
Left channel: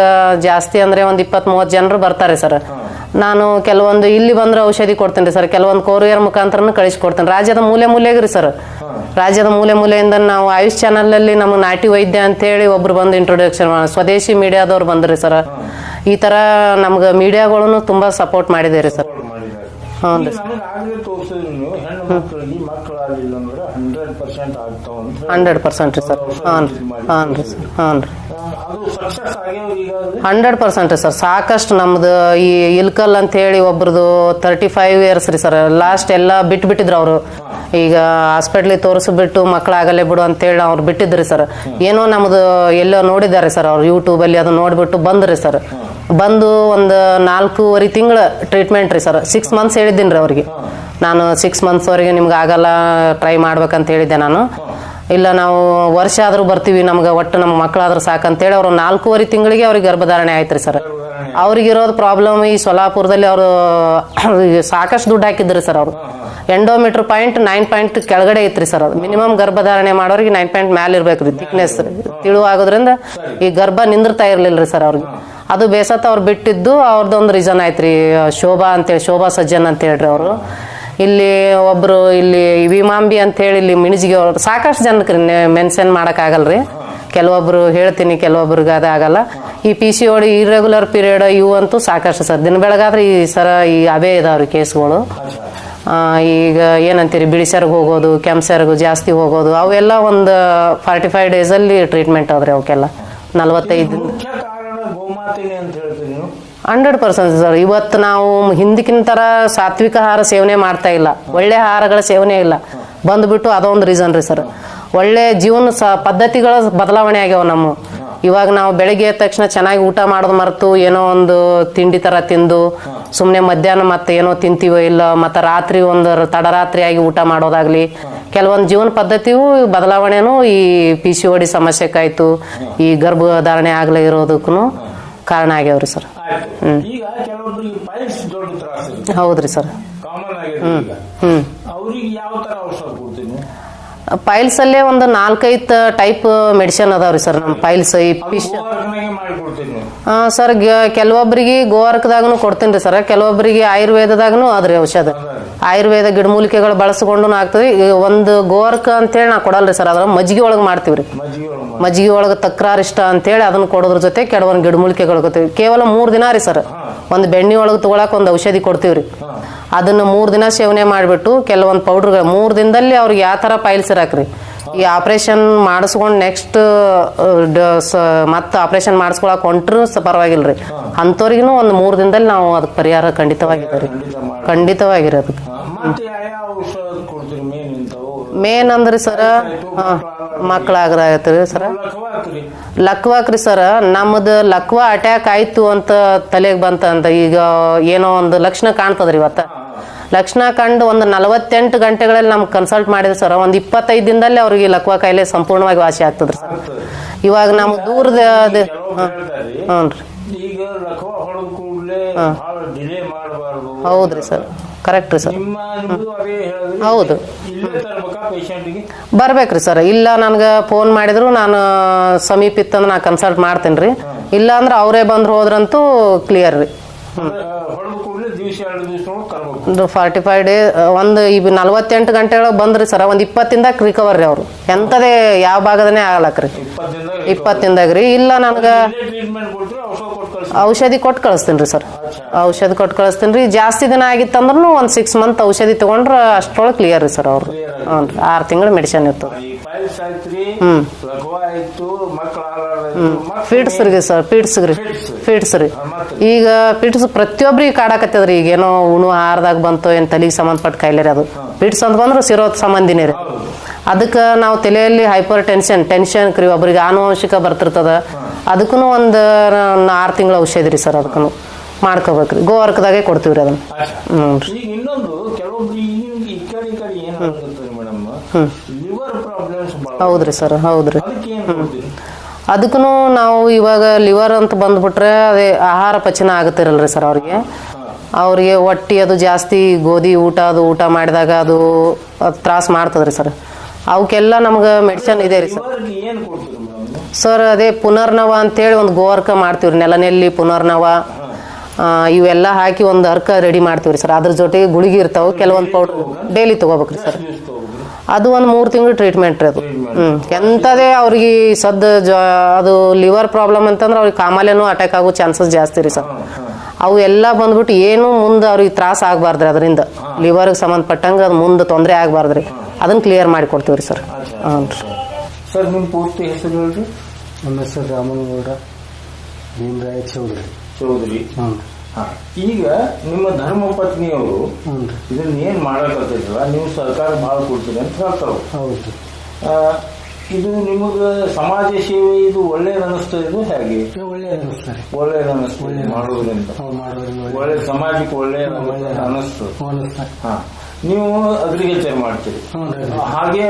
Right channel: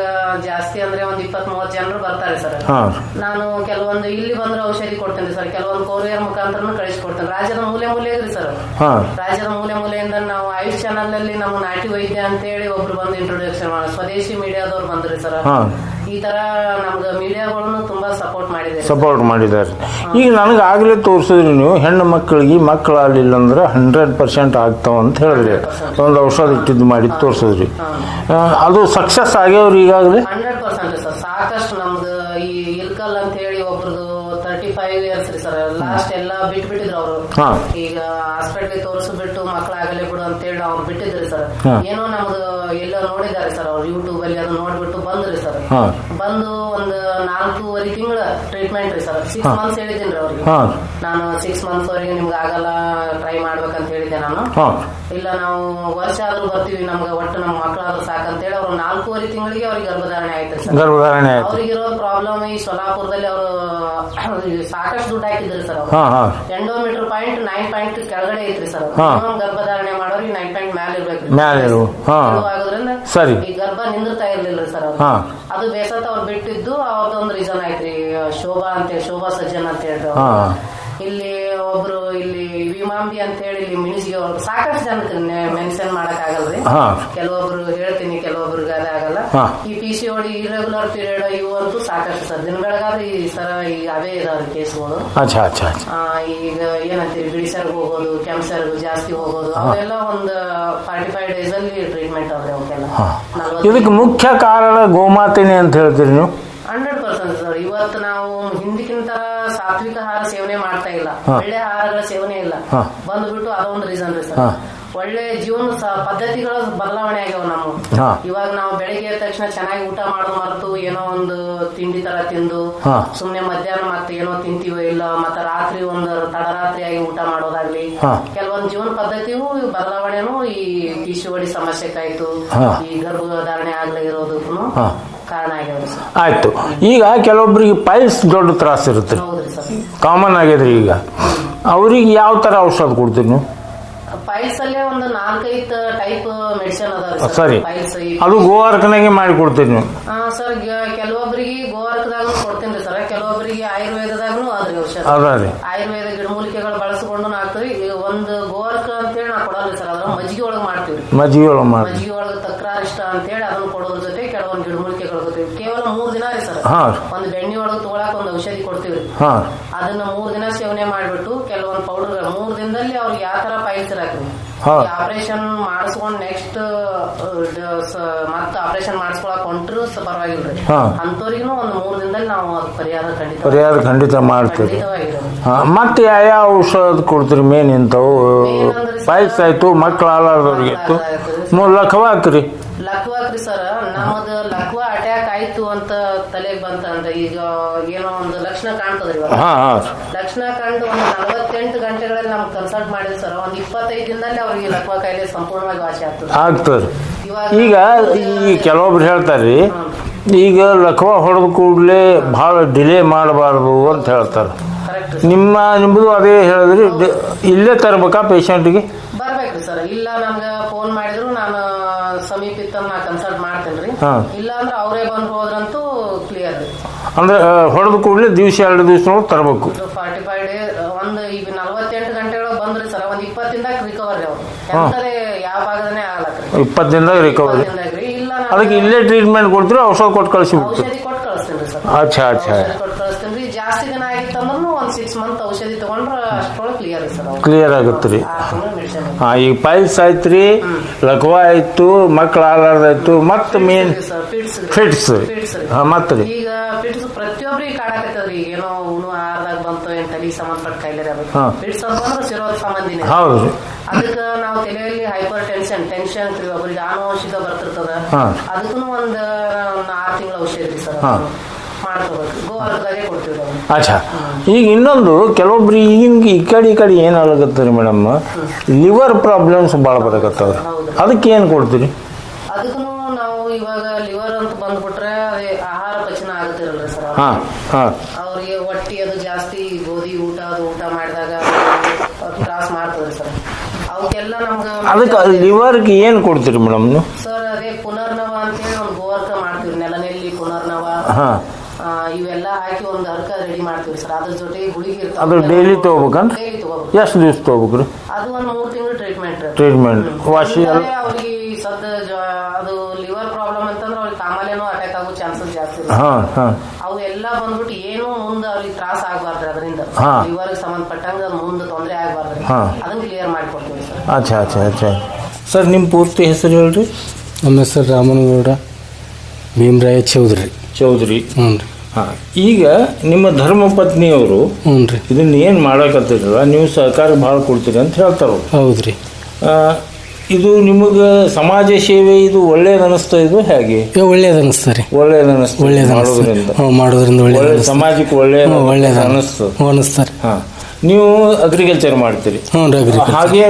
ಜಾಸ್ತಿ ಅಂದ್ರೆ ಒಂದ್ ಇಪ್ಪತ್ ಮೂವತ್ ಜನರು ಬರ್ತಾರೆ ಸರ್. ನಾನು ಕೆಲವೊಂದು ಇಲ್ಲಿ ಬಂದ್ರೆ ಔಷಧಿ ಕೊಡ್ತೇನೆ ಸರ್ ಕೆಲವೊಂದು ಕೊರಿಯರ್ ಮುಖಾಂತರನು ಕಳಿಸ್ಕೊಡ್ತೀನಿ. ರಾಜ್ಯದ ಮೂಲೆ ಮೂಲೆಗ್ರಿ ಸರ್. ರಾಜ್ಯದ ಮೂಲೆ ಮೂಲೆಯಿಂದ ನಾವು ಆಯುಷ್ ಚಾನಲ್ ಅಲ್ಲಿ ನಮ್ಮ ನಾಟಿ ವೈದ್ಯ ಅಂತ ಹೇಳಿ ಒಬ್ರು ಬಂದು ಇಂಟ್ರೊಡಕ್ಷನ್ ಸ್ವದೇಶಿ ಮೀಡಿಯಾದವ್ರು ಬಂದ್ರಿ ಸರ್ ಈ ತರ ನಮ್ಗೆ ಮೀಡಿಯಾಗಳನ್ನು ತುಂಬಾ ಸಪೋರ್ಟ್ ಮಾಡಿದೇರಿ ಸಪೋರ್ಟ್ ಮಾಡಿದ್ದಾರೆ. ಈಗ ನನಗೆ ಆಗಲೇ ತೋರಿಸಿದ್ರಿ ನೀವು ಹೆಣ್ಣು ಮಕ್ಕಳಿಗೆ ಮಕ್ಕಳಾಗಲಿಲ್ಲ ಅಂದ್ರೆ ಹಂಡ್ರೆಡ್ ಪರ್ಸೆಂಟ್ ಆಗ್ತಾವ ಅಂತ ಹೇಳಿ 100% ಒಂದು ಔಷಧ ಇಟ್ಟಿದ್ದು ಮಾಡಿ ತೋರಿಸಿದ್ರಿ. ಅದು ಸಕ್ಸಸ್ ಆಗ್ಯಾವ್ರಿ ಈಗಾಗಲೇ? ಹಂಡ್ರೆಡ್ ಪರ್ಸೆಂಟ್ ಸರ್ ಸಾಕಷ್ಟು ನಮ್ದು ಈ ಇಲ್ಕಲ್ ಅಂತ ಹೇಳಿ ಒಬ್ರದು ತರ್ಟಿ ಫೈವ್ ಇಯರ್ಸ್ ರೀ ಸರ್ ಲಾಸ್ಟ್ ಎಲ್ಲ ಬಿಟ್ಟು ಬಿಟ್ಟಿದ್ರು ಅವರು. ಈಗ ಹಾಸ್ಪಿಟ್ಲಿಗೆ ತೋರಿಸ್ಬಿಟ್ಟು ಮಕ್ಕಳಾಗಲೇ ಬಿಡು ಅಂತ ಹೇಳಿ ಅವ್ರು ಬಿಟ್ಟಿದ್ರಿ ಸರ್. ಏನೋ ನಮ್ದು ಎಲ್ಲೋ ನೋಡಿದ್ದಾರೆ ಸರ್ ಅವ್ರು ಯೂಟ್ಯೂಬ್ ಅಲ್ಲಿ ಅದು ನೋಡ್ಬಿಟ್ಟು ಬಂದ್ರಿ ಸರ್. ಬಂದು ಒಂದು ನಾಲ್ಕೂವರೆ ತಿಂಗಳ ಟ್ರೀಟ್ಮೆಂಟ್ ರೀ ಸರ್. ಸಿಕ್ಸ್ ಮಂತ್ಸ್ ಹೇಳಿದ್ದೀನಿ ರೀ ಅವ್ರಿಗೆ. ನಾನು ಸಿಕ್ಸ್ ಮಂತ್ಸ್ ವರೆಗೆ ನಿಮ್ಗೆ ಆಗಲ್ಲ ಟ್ರೈ ಮಾಡ್ಬೇಕಂತ ಹೇಳಿದ್ದೆ ನಾನು. ಇಲ್ಲ ನಾವು ವರ್ಷ ಆದ್ರೂ ಬರ್ತೀವಿ ನಮ್ಗೆ ಒಟ್ಟು ನಮ್ಮ ಮಕ್ಕಳಾದ್ರೂ ಸಾಕಂತೇಳಿ ಅವ್ರು ನಾಲ್ಕೂವರೆ ತಿಂಗಳಿಗೆ ಅವ್ರಿಗೆ ಗರ್ಭಧಾರಣೆ ಆಯ್ತ್ರಿ ಸರ್. ಗರ್ಭಧಾರಣೆ ಇರೋದು ಅವ್ರಿಗಿರೋದು ಪ್ರಾಬ್ಲಮ್ ಈ ಸೊಲಾಪುರದಲ್ಲಿ ಅವರು ಸಾಕಷ್ಟು ದುಡ್ಡು ಹಾಕಿದ್ರಿ ಸರ್ ಅವರು. ಎಂಡೋಮೀಟರ್ ಪಾಯಿಂಟ್ ನೈನ್ ಪಾಯಿಂಟ್ ಕೆಳಗಡೆ ಐತ್ರಿ ಸರ್ ಅವ್ರು. ಮಿನಿಮಮ್ ಗರ್ಭಧಾರಣೆ ಮಾಡೋರಿಗೆ ನೈನ್ ಪಾಯಿಂಟ್ ಮ್ಯಾಲ ಇರ್ಬೇಕ್ರಿ ಮ್ಯಾಲ್ thickness. ತಿಳು ಹಾ. ಇಳುವಾಗೋದ್ರಿಂದ ಸರಿ. ಈ ಗರ್ಭ ನಿಂದಿರ್ತಾ ಇರ್ಲಿಲ್ರಿ ಸರ್ ಅವ್ರಿಗೆ ಹಾ. ಅದು ಬೇಸತ್ತ ಅವ್ರು ಬಿಟ್ಟಿದ್ದು ಅವ್ರದ್ದೊಂದು ರೀಸನ್ ಆಯ್ತ್ರಿ ಶೋಭಾ ಅಂತೇಳಿ ಶೋಭಾ ಸಜ್ಜನ್ ಅಂತ ಹೇಳ್ರಿ ಅವರು. ಇಲ್ಲಿ ಒಬ್ರು ಇಲ್ಲಿ ವಿಮಾಂಬಿ ಅಂತ ಹೇಳಿ ಇಲ್ಲಿ ಮಿಣಿಜಿಗೆ ಸಾಕಷ್ಟು ಜನಕ್ಕೆ ಮೆನ್ಷನ್ ಮಾಡಕ್ ಆಗಲ್ರಿ ಹಾ. ಕೆಲವೊಬ್ರು ಹೇಳ್ತೀನಿ ಕೆಲವೊಬ್ರಿಗೆ ಅದಾಗಲ್ಲ. ಈ P C O D irregular period ಇವು ಅಂತೂ ಸಾಕಷ್ಟು ಸರ್. ದಿನ ಬೆಳಗಾದ್ರೆ ಈ ಸರ ಈ ಅವೇ ಇದಾವ್ರಿ ಕೇಸ್ಗಳು. ಈಗ ಏನಂತೀರಿ ಬಿಳಿಸರ್ಗ್ ಹೋಗೋದು ಕೆಂಪ್ಸರ್ಗು ಜಾಸ್ತಿ ಹೋಗೋದು ಅವೆಲ್ಲ ಒಂದು ಫಾರ್ಟಿ ಫೈವ್ ಡೇಸ್ ಅಲ್ಲಿ ಟ್ರೀಟ್ಮೆಂಟ್ ಆದ್ರೆ ಅವಕ್ಕೆಲ್ಲ. ನಲವತ್ತೈದು ಮುಖ್ಯ ಕಾರಣ ಗೋಮಾತಿನಿ ಅಂತ ಹೇಳ್ತೀರಿ ನೀವು? Hundred percent sir. ಇವತ್ತು ನಾವು ಹಿಂದಿಕ್ಕಿನ ತರ ಸಾತ್ವಿಕ ಆಹಾರ ಸೇವನೆ ಮಾಡ್ತಾ ಇಲ್ಲ. ಒಳ್ಳೆ ಆಹಾರಗಳ ಸೇವನೆ ಇಲ್ಲ. ಬಂದ್ಬಿಟ್ಟು ಅದೊಂದು ರೀಸನ್ ರೀ ಸರ್. ಒಳ್ಳೆ ಜೀವನ ಪದ್ಧತಿಗಳ ಬದಲಾವಣೆ ಆಗ್ಯಾವ ನಮ್ಮ. ಇವಾಗ ನಾವು ಬೆಳಗ್ಗೆ ಎದ್ದ ತಕ್ಷಣ ಚೆನ್ನಾಗಿ ಊಟ ಮಾಡೋದು ಮರೆತು ಏನೋ ಒಂದು ತಿಂಡಿ ತರ ತಿಂದು ಸುಮ್ಮನೆ ಸುಮ್ನೆ ಮಧ್ಯಾಹ್ನ ಮತ್ತೆ ಏನೋ ತಿಂತೀವೋ ಇಲ್ಲ ಮತ್ತೆ ರಾತ್ರಿ ಒಂದು ತಡರಾತ್ರಿಯಾಗಿ ಊಟ ಮಾಡೋದಾಗ್ಲಿ. ಕೆಲವೊಂದು ಜೀವನ ಪದ್ಧತಿಯು ಬದಲಾವಣೆನೂ ಈ ಪಿ ಸಿ ಓಡಿ ಸಮಸ್ಯೆಕಾಯ್ತು ಹಾ. ಈ ಗರ್ಭಧಾರಣೆ ಆಗ್ಲೇ ಇರೋದಕ್ಕೂ. ಕಾರಣ ಆಗ್ಯಾವ್ರಿ ಸರ್. ಆಯ್ತು. ಈಗ ಕೆಲವೊಬ್ಬರಿಗೆ ಪೈಲ್ಸ್ ದೊಡ್ಡ ತ್ರಾಸ ಇರುತ್ತೆ. ಹೌದ್ರಿ ಸರ್. ಕಾಮನ್ ಆಗ್ಯದ್ರಿ ಈಗ. ಅವ್ರಿಗೆ ಯಾವ ತರ ಔಷಧ ಕೊಡ್ತೀರಿ ನೀವು? ಪೈಲ್ಸ್ ಅಲ್ಲೇ ಒಂದು ನಾಲ್ಕೈದು ಟೈಪ್ ಮೆಡಿಸಿನ್ ಅದಾವ್ರಿ ಸರ್. ಪೈಲ್ಸ್ ಗೋವಾರ್ಕನಾಗೆ ಮಾಡಿ ಕೊಡ್ತೀನಿ ಸರ್ ಕೆಲವೊಬ್ಬರಿಗೆ ಗೋವಾರ್ಕದಾಗನು ಕೊಡ್ತೀನಿ ಸರ್ ಕೆಲವೊಬ್ಬರಿಗೆ ಆಯುರ್ವೇದದಾಗನು ಅದ್ರಿ ಔಷಧ. ಆಯುರ್ವೇದ ಗಿಡಮೂಲಿಕೆಗಳು ಬಳಸಿಕೊಂಡು ಆಗ್ತದೆ. ಒಂದು ಗೋವಾರ್ಕ ಅಂತೇಳಿ ನಾ ಕೊಡಲ್ರಿ ಸರ್ ಅದ್ರ ಮಜ್ಜಿಗೆ ಒಳಗೆ ಮಾಡ್ತೀವ್ರಿ. ಮಜ್ಜಿಗೆ ಒಳಗೆ ತಕ್ರಾರ್ ಇಷ್ಟ ಅಂತ ಅಂತೇಳಿ ಅದನ್ನ ಕೊಡೋದ್ರ ಜೊತೆ ಕೆಲವೊಂದು ಗಿಡಮೂಲಿಕೆಗಳು ಕೊಡ್ತೀವಿ. ಕೇವಲ ಮೂರ್ ದಿನ ರೀ ಸರ್ ಒಂದು ಬೆಣ್ಣೆ ಒಳಗೆ ತಗೊಳಕ್ ಒಂದು ಔಷಧಿ ಕೊಡ್ತೀವ್ರಿ. ಅದನ್ನ ಮೂರ್ ದಿನ ಸೇವನೆ ಮಾಡಿಬಿಟ್ಟು ಕೆಲವೊಂದು ಪೌಡರ್ ಮೂರ್ ದಿನದಲ್ಲಿ ಅವ್ರಿಗೆ ಯಾವ ತರ ಪೈಲ್ಸ್ Santa ಈ ಆಪರೇಷನ್ ಮಾಡಿಸ್ಕೊಂಡ್ ನೆಕ್ಸ್ಟ್ ಮತ್ತ ಆಪರೇಷನ್ ಮಾಡಿಸ್ಕೊಳಕ್ ಹೊಂಟ್ರು ಪರವಾಗಿಲ್ರಿ. ಅಂತವ್ರಿಗೂ ಒಂದ್ ಮೂರ್ ದಿನದಲ್ಲಿ ನಾವು ಅದಕ್ಕೆ ಪರಿಹಾರ ಖಂಡಿತವಾಗಿ ಖಂಡಿತ ಮಾಡ್ತೀವಿ. ಖಂಡಿತವಾಗಿರೋದು. ಮತ್ತೆ ಯಾವ ಔಷಧ ಕೊಡ್ತೀರಿ ಮೇನ್ ಇಂಥವು? ಮೇನ್ ಅಂದ್ರೆ ಸರ್ ಆಯ್ತು ಮಕ್ಕಳ ಹಾಕ್ರಿ ಲಕ್ವಾಕ್ರಿ ಸರ್. ನಮ್ದು ಲಕ್ವ ಅಟ್ಯಾಕ್ ಆಯ್ತು ಅಂತ ತಲೆಗೆ ಬಂತ ಅಂತ ಈಗ ಏನೋ ಒಂದು ಲಕ್ಷಣ ಕಾಣ್ತದ್ರಿ ಇವತ್ತ. ಲಕ್ಷಣ ಕಂಡು ಒಂದು ನಲವತ್ತೆಂಟು ಗಂಟೆಗಳಲ್ಲಿ ನಮ್ಗೆ ಕನ್ಸಲ್ಟ್ ಮಾಡಿದ್ರು ಸರ್ ಒಂದು ಇಪ್ಪತ್ತೈದು ದಿನದಲ್ಲಿ ಅವ್ರಿಗೆ ಅವ್ರಿಗೆ ಲಕ್ವಾ ಕಾಯಿಲೆ ಸಂಪೂರ್ಣವಾಗಿ ವಾಸಿ ಆಗ್ತದೆ. ಆಗ್ತದೆ. ಇವಾಗ ಈಗ ಈ ಕೆಲವೊಬ್ರು ಹೇಳ್ತಾರ್ರಿ ಈಗ ಲಕ್ವಾ ಹೊಡೆದ ಕೂಡಲೇ ಬಹಳ ಡಿಲೇ ಮಾಡಬಾರ್ದು ಅಂತ ಹೇಳ್ತಾರೆ. ಕರೆಕ್ಟ್ ರೀ ಸರ್. ನಿಮ್ಮ ನಿಮ್ಮದು ಅದೇ ಹೇಳಿದ್ರಿ ಹೌದು. ಇಲ್ಲೇ ತರ್ಬೇಕಾ ಪೇಷಂಟ್ಗೆ? ಬರ್ಬೇಕ್ರಿ ಸರ್. ಇಲ್ಲ ನನ್ಗೆ ಫೋನ್ ಮಾಡಿದ್ರು ನಾನು ಸಮೀಪ ಇತ್ತಂದ್ರೆ ನಾ ಕನ್ಸಲ್ಟ್ ಮಾಡ್ತೇನೆ ರೀ ಹಾ. ಇಲ್ಲ ಅಂದ್ರೆ ಅವರೇ ಬಂದ್ರು ಹೋದ್ರಂತೂ ಕ್ಲಿಯರ್ ರೀ. ಅಂದ್ರೆ ಹೊಡೆದ ಕೂಡಲೇ ದಿವಸ ಎರಡು ದಿವಸ ತರಬೇಕು. ಒಂದು ಫಾರ್ಟಿ ಫೈವ್ ಡೇ ಒಂದು ಈಗ ನಲ್ವತ್ತೆಂಟು ಗಂಟೆ ಒಳಗೆ ಬಂದ್ರಿ ಸರ್ ಒಂದು ಇಪ್ಪತ್ತಿಂದ ರಿಕವರ್ ರೀ ಅವ್ರು. ಎಂಥದೇ ಯಾವ ಭಾಗದನೇ ಆಗಲಕ್ರಿ ಇಪ್ಪತ್ತಿಂದ ಇಪ್ಪತ್ತಿಂದಾಗ ರೀ. ಇಲ್ಲ ನಾನು ಇಲ್ಲೇ ಟ್ರೀಟ್ಮೆಂಟ್ ಕೊಡ್ತೀರಿ ಔಷಧ ಕೊಟ್ಟು ಕಳಿಸಿ ಔಷಧಿ ಕೊಟ್ಟು ಕಳಿಸ್ತೀನಿ ರೀ ಸರ್. ಔಷಧಿ ಕೊಟ್ಟು ಕಳಿಸ್ತೀನಿ ರೀ. ಜಾಸ್ತಿ ದಿನ ಆಗಿತ್ತಂದ್ರೂ ಒಂದು ಸಿಕ್ಸ್ ಮಂತ್ ಔಷಧಿ ತಗೊಂಡ್ರೆ ಅಷ್ಟೊಳಗೆ ಕ್ಲಿಯರ್ ರೀ ಸರ್ ಅವ್ರು. ಕ್ಲಿಯರ್ ಆಗುತ್ತೆ ರೀ. ಆರು ತಿಂಗಳು ಮೆಡಿಸಿನ್ ಈಗ ಪೈಲ್ಸ್ ಆಯ್ತ್ರಿ ಲಕ್ವ ಆಯ್ತು ಮಕ್ಳು ಆಲಾರ್ದಾಯ್ತು ಮತ್ತೆ ಪಿಟ್ಸ್ ರೀ ಸರ್ ಫಿಟ್ಸ್ ರೀ. ಫಿಟ್ಸ್ ಫಿಟ್ಸ್ ರೀ. ಈಗ ಪಿಟ್ಸ್ ಪ್ರತಿಯೊಬ್ರಿಗೆ ಕಾಡಾಕತ್ತದ್ರಿ. ಈಗ ಏನೋ ಉಣು ಆಹಾರದಾಗ ಬಂತು ಏನ್ ತಲೆಗೆ ಸಂಬಂಧಪಟ್ಟ ಕಾಯಿಲೆ ಅದು. ಪಿಟ್ಸ್ ಅಂತ ಬಂದ್ರೆ ಸಿರೋ ಸಂಬಂಧಿನೇ ಅದಕ್ಕೆ ನಾವು ತಲೆಯಲ್ಲಿ ಹೈಪರ್ ಟೆನ್ಷನ್ ಟೆನ್ಷನ್ ಕ್ರಿ ಒಬ್ರಿಗೆ ಆನುವಂಶಿಕ ಬರ್ತಿರ್ತದ. ಅದಕ್ಕೂ ಒಂದು ಆರು ತಿಂಗಳ ಔಷಧ ರೀ ಸರ್ ಅದನ್ನು ಮಾಡ್ಕೋಬೇಕ್ರಿ. ಗೋವರ್ಕದಾಗೆ ಕೊಡ್ತೀವಿ ಅದನ್ನ. ಈಗ ಇನ್ನೊಂದು ಕೆಲವೊಬ್ರು ಈಗಿನ ಈ ಕಡೆ ಈ ಕಡೆ ಏನಾಗತ್ತೆ ರೀ ಮೇಡಮ್? ಲಿವರ್ ಪ್ರಾಬ್ಲಮ್ಸ್ ಸರ್ ಹೌದ್ರಿ. ಅದಕ್ಕೆ ಏನು ಕೊಡ್ತೀರಿ? ಅದಕ್ಕೂ ನಾವು ಇವಾಗ ಲಿವರ್ ಅಂತ ಬಂದ್ಬಿಟ್ರೆ ಅದೇ ಆಹಾರ ಪಚನ ಆಗುತ್ತಿರಲ್ರಿ ಸರ್ ಅವ್ರಿಗೆ? ಅವ್ರಿಗೆ ಹೊಟ್ಟಿ ಅದು ಜಾಸ್ತಿ ಗೋಧಿ ಊಟ ಅದು ಊಟ ಮಾಡಿದಾಗ ಅದು ತ್ರಾಸ ಮಾಡ್ತದ್ರಿ ಸರ್. ಅವಕ್ಕೆಲ್ಲ ನಮ್ಗೆ ಲಿವರ್ಗೆ ಏನು ಕೊಡ್ತೀರಿ ಮೇಡಮ್ ಸರ್ ಅದೇ ಪುನರ್ನವ ಅಂತೇಳಿ ಒಂದು ಗೋವರ್ಕ ಮಾಡ್ತೀವ್ರಿ ನೆಲನೆಲ್ಲಿ ಪುನರ್ನವ. ಇವೆಲ್ಲ ಹಾಕಿ ಒಂದು ಅರ್ಕ ರೆಡಿ ಮಾಡ್ತೀವ್ರಿ ಸರ್ ಅದ್ರ ಜೊತೆಗೆ ಗುಳಿಗೆ ಇರ್ತಾವೆ ಕೆಲವೊಂದು ಡೈಲಿ ತಗೋಬೇಕು ಎಷ್ಟು ದಿವಸ ತಗೋಬೇಕ್ರಿ? ಅದು ಒಂದು ಮೂರು ತಿಂಗಳು ಟ್ರೀಟ್ಮೆಂಟ್ ರೀ ಟ್ರೀಟ್ಮೆಂಟ್ ಎಂತದೇ ಅವ್ರಿಗೆ ಸದ್ದ ಜ- ಅದು ಲಿವರ್ ಪ್ರಾಬ್ಲಮ್ ಅಂತಂದ್ರೆ ಅವ್ರಿಗೆ ಕಾಮಾಲೆನೂ ಅಟ್ಯಾಕ್ ಆಗೋ ಚಾನ್ಸಸ್ ಜಾಸ್ತಿ ರೀ ಸರ್ ಅವು ಎಲ್ಲ ಬಂದ್ಬಿಟ್ಟು ಏನು ಮುಂದೆ ಅವ್ರಿಗೆ ತ್ರಾಸ ಆಗ್ಬಾರ್ದ್ರಿ ಅದರಿಂದ. ಲಿವರ್ ಲಿವರ್ಗೆ ಸಂಬಂಧಪಟ್ಟಂಗ ಅದು ಮುಂದೆ ತೊಂದರೆ ಆಗ್ಬಾರ್ದ್ರಿ. ಹಾ. ಅದನ್ನ ಕ್ಲಿಯರ್ ಮಾಡಿ ಕೊಡ್ತೀವಿ ಸರ್ ಸರ್ ನಿಮ್ಮ ಪೂರ್ತಿ ಹೆಸರು ಹೇಳ್ರಿ? ನಮ್ಮ ಹೆಸರು ರಾಮನಗೌಡ ಭೀಮರಾಯ ಚೌಧರಿ. ಚೌಧರಿ. ಹ್ಞೂ ರೀ. ಈಗ ನಿಮ್ಮ ಧರ್ಮ ಪತ್ನಿಯವರು ಹ್ಞೂ ರೀ. ಇದನ್ನ ಏನು ಮಾಡಕತ್ತಿರಲ್ಲ ನೀವು ಸಹಕಾರ ಭಾಳ ಕೊಡ್ತೀರಿ ಅಂತ ಹೇಳ್ತಾರೆ ಹೌದು ರೀ. ಇದು ನಿಮಗೆ ಸಮಾಜ ಸೇವೆ ಇದು ಒಳ್ಳೇದು ಅನಿಸ್ತಾ ಇದು ಹೇಗೆ? ಒಳ್ಳೇದು ಅನಿಸ್ತಾ ರೀ. ಒಳ್ಳೇದು ಅನಿಸ್ತಾ ಒಳ್ಳೇದು ಮಾಡೋದ್ರಿಂದ. ಮಾಡೋದ್ರಿಂದ ಒಳ್ಳೇದು ಒಳ್ಳೆ ಸಮಾಜಕ್ಕೆ ಒಳ್ಳೇದು ಹ್ಞೂ ಅನಿಸ್ತಾರೆ ಹಾ ನೀವು ಅಗ್ರಿಕಲ್ಚರ್ ಮಾಡ್ತೀರಿ. ಹ್ಞೂ ರೀ ಹಾಗೆ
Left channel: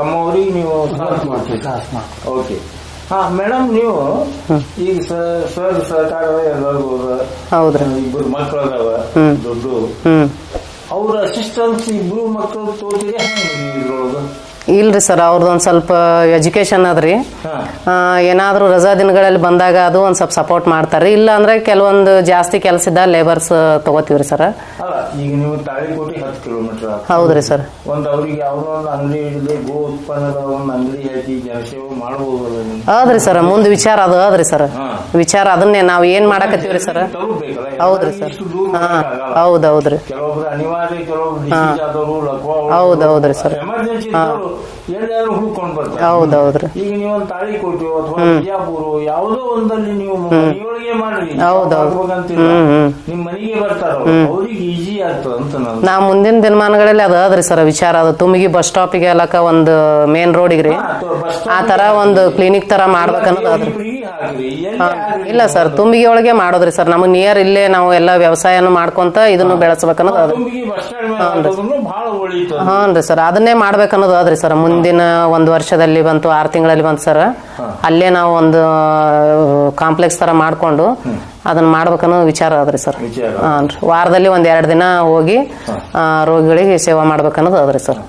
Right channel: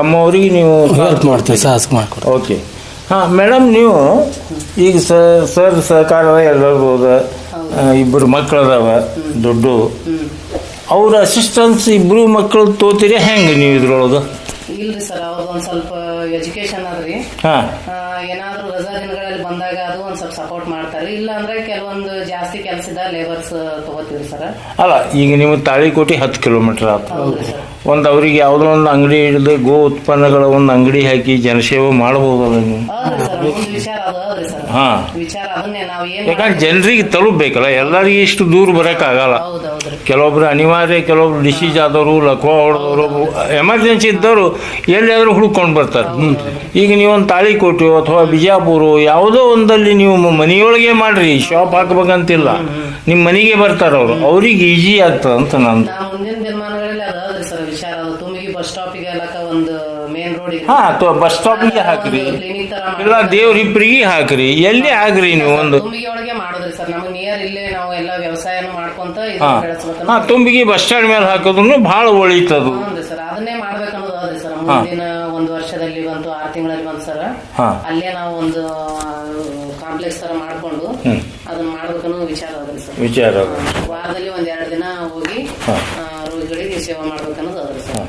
ಅಮ್ಮವ್ರಿಗೆ ನೀವು ಹೆಲ್ಪ್ ಮಾಡ್ತೀವಿ ಸಾಹಸ ಮಾಡ್ಕೊಡ್ತೀವಿ. ಓಕೆ ಹಾ ಮೇಡಮ್ ನೀವು ಈಗ ಸ- ಸರ್ ಸರ್ಕಾರ ಎಲ್ಲರಿಗೂ ಹೌದು. ಇಬ್ಬರು ಮಕ್ಕಳು ಅದಾವ ದೊಡ್ಡ ಅವ್ರ ಅಸಿಸ್ಟೆನ್ಸ್ ಇಬ್ರು ಮಕ್ಕಳು ತೋತಿರಿ ಹೆಂಗೆ ನೀವು ಇದ್ರೊಳಗೆ? ಇಲ್ರಿ ಸರ್ ಅವ್ರದ್ದು ಒಂದು ಸ್ವಲ್ಪ ಎಜುಕೇಶನ್ ಅದ್ರಿ. ಹಾ. ಏನಾದ್ರೂ ರಜಾ ದಿನಗಳಲ್ಲಿ ಬಂದಾಗ ಅದು ಒಂದ್ ಸ್ವಲ್ಪ ಸಪೋರ್ಟ್ ಮಾಡ್ತಾರೆ ಇಲ್ಲ ಅಂದ್ರೆ ಕೆಲವೊಂದು ಜಾಸ್ತಿ ಕೆಲಸ ಇದ್ದ ಲೇಬರ್ಸ್ ತಗೋತೀವ್ರಿ ಸರ್. ಅಲ್ಲ ಈಗ ನೀವು ತಾಳಿಕೋಟಿ ಹತ್ತು ಕಿಲೋಮೀಟರ್ ಆತ. ಹೌದ್ರಿ ಸರ್. ಒಂದು ಅವ್ರಿಗೆ ಯಾವುದೋ ಒಂದು ಅಂಗಡಿ ಹಿಡಿದು ಗೋ ಉತ್ಪನ್ನಗಳ ಒಂದು ಅಂಗಡಿ ಹಾಕಿ ಜನಸೇವೆ ಮಾಡಬಹುದು ನೀವು. ಹೌದ್ರಿ ಸರ್ ಮುಂದ್ ವಿಚಾರ ಅದು ಅದ್ರಿ ಸರ್. ಹಾ. ವಿಚಾರ ಅದನ್ನೇ ನಾವು ಏನ್ ಮಾಡಕ್ ಜನರಿಗೆ ತಲುಪಬೇಕಲ್ಲ ಎಲ್ಲರಿಗೆ ಇಷ್ಟು ದೂರ ಬರಕ್ ಆಗಲ್ಲ. ಹೌದೌದ್ರಿ ಕೆಲವೊಬ್ರು ಅನಿವಾರ್ಯ ಕೆಲವೊಬ್ರು ಡಿಸೀಸ್ ಆದವರು ಲಕ್ವ ಹೌದ್ ಹೌದ್ರಿ ಎಮರ್ಜೆನ್ಸಿ ಇದ್ದವರು ಎಲ್ಲಾದ್ರೂ ಹುಡ್ಕೊಂಡು ಬರ್ತಾರೆ. ಈಗ ನೀವು ತಾಳಿ ತಾಳಿಕೋಟೆ ಅಥವಾ ಬಿಜಾಪುರ ಯಾವುದೋ ಒಂದಲ್ಲಿ ನೀವು ಮನೆಯೊಳಗೆ ಮಾಡ್ರಿ ಶಾಪ್ ಹಾಕ್ಬೇಕಂತಿಲ್ಲ. ನಿಮ್ ಮನೆಗೆ ಬರ್ತಾರ ಅವ್ರು. ಅವ್ರಿಗೆ ಈಜಿ ಆಗ್ತದ ಅಂತ ನಾನು. ನಾ ಮುಂದಿನ ದಿನಮಾನಗಳಲ್ಲಿ ಅದ ಅದ್ರಿ ಸರ್ ವಿಚಾರ ಅದು. ತುಮಗಿ ಬಸ್ ಸ್ಟಾಪಿಗೆ ಅಲ್ಲಕ ಒಂದು ಮೇನ್ ರೋಡಿಗೆ ರೀ ಅಥವಾ ಬಸ್ ಸ್ಟಾಪ್ ಒಂದು ಕ್ಲಿನಿಕ್ ತರ ದೇವ್ರಿಬ್ರಿಗೆ ಹಾಕ್ರಿ. ಎಲ್ಲಿ ಆಗ್ರಿ ತುಂಬಿಗೆ ಒಳಗೆ ಮಾಡೋದ್ರಿ ಸರ್. ನಮ್ ನಿಯರ್ ಇಲ್ಲೇ ನಾವು ಎಲ್ಲಾ ವ್ಯವಸಾಯನು ಮಾಡ್ಕೊಂತ ಇದನ್ನ ಬೆಳೆಸ್ಬೇಕನ್ನೋ ತುಂಬಿಗೆ ಬಸ್ ಸ್ಟಾಂಡ್ ಮೇಲೆ ಹಾಕೋದ್ರು ಬಹಳ ಒಳಿತದ ಹಾನ್ರಿ ಸರ್ ಅದನ್ನೇ ಮಾಡ್ಬೇಕನ್ನೋದು ಅದ್ರಿ ಸರ್ ಮುಂದಿನ ಒಂದು ವರ್ಷದಲ್ಲಿ ಬಂತು ಆರು ತಿಂಗಳಲ್ಲಿ ಬಂತು ಸರ್. ಅಲ್ಲೇ ನಾವು ಒಂದು ಕಾಂಪ್ಲೆಕ್ಸ್ ತರ ಮಾಡ್ಕೊಂಡು ಅದನ್ನ ಮಾಡ್ಬೇಕನ್ನೋ ವಿಚಾರ ಅದ್ರಿ ಸರ್. ವಾರದಲ್ಲಿ ಒಂದ್ ಎರಡು ದಿನ ಹೋಗಿ ರೋಗಿಗಳಿಗೆ ಸೇವಾ ಮಾಡ್ಬೇಕನ್ನೋದು ಅದ್ರಿ ಸರ್.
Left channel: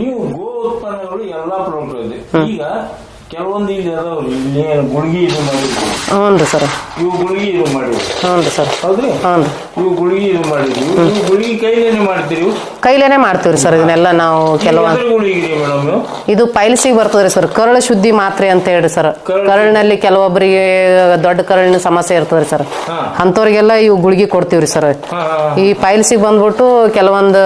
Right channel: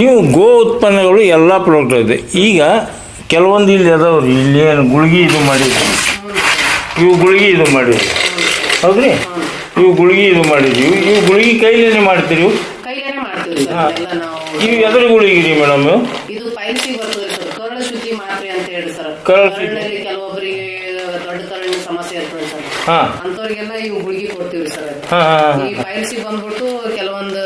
ನೀವು ಗೋ ಉತ್ಪನ್ನಗಳು ಎಲ್ಲಾ ಪ್ರಾಡಕ್ಟ್ ಇದೆ ಈಗ ಕೆಲವೊಂದು ಇಲ್ಲಿ ಅದಾವ್ರಿ. ಇಲ್ಲಿ ಏನು ಗುಳಿಗೆ ಇದು ಮಾಡಿ ಹ್ಞೂ ರೀ ಸರ್. ಇವು ಗುಳಿಗೆ ಇದು ಮಾಡಿದ್ವಿ ಹ್ಞೂ ರೀ ಸರ್. ಹೌದ್ರಿ? ಹ್ಞೂ ಇವು ಗುಳಿಗೆ ಇದು ಮಾಡಿದ್ವಿ ಇವು ಗುಳಿಗೆ ಕೈಲೇನೆ ಮಾಡ್ತೀರಿ? ಕೈಲೇನೆ ಮಾಡ್ತೀವಿ ಸರ್ ಇದನ್ನೆಲ್ಲ ನಾವು ಕೆಲವೊಂದು ಗುಳಿಗೆ ಮೇಡಮ್ ಇದು ಪೈಲ್ಸಿಗೆ ಬರ್ತದ್ರಿ ಸರ್. ಕರಳು ಶುದ್ಧಿ ಮಾತ್ರೆ ಅಂತ ಹೇಳಿ ಸರ್. ಕರಳು- ಕರಳಿನಲ್ಲಿ ಕೆಲವೊಬ್ಬರಿಗೆ ದೊಡ್ಡ ಕರಳಿನ ಸಮಸ್ಯೆ ಇರ್ತದ್ರಿ ಸರ್. ಅಂತವ್ರಿಗೆಲ್ಲ ಅಂಥವ್ರಿಗೆಲ್ಲ ಇವು ಗುಳಿಗೆ ಕೊಡ್ತೀವ್ರಿ ಸರ್. ಈ ಪೈಲ್ಸಿಗೆ ಬಂದ್ಬಿಟ್ಟು ಕೆಲವೊಂದು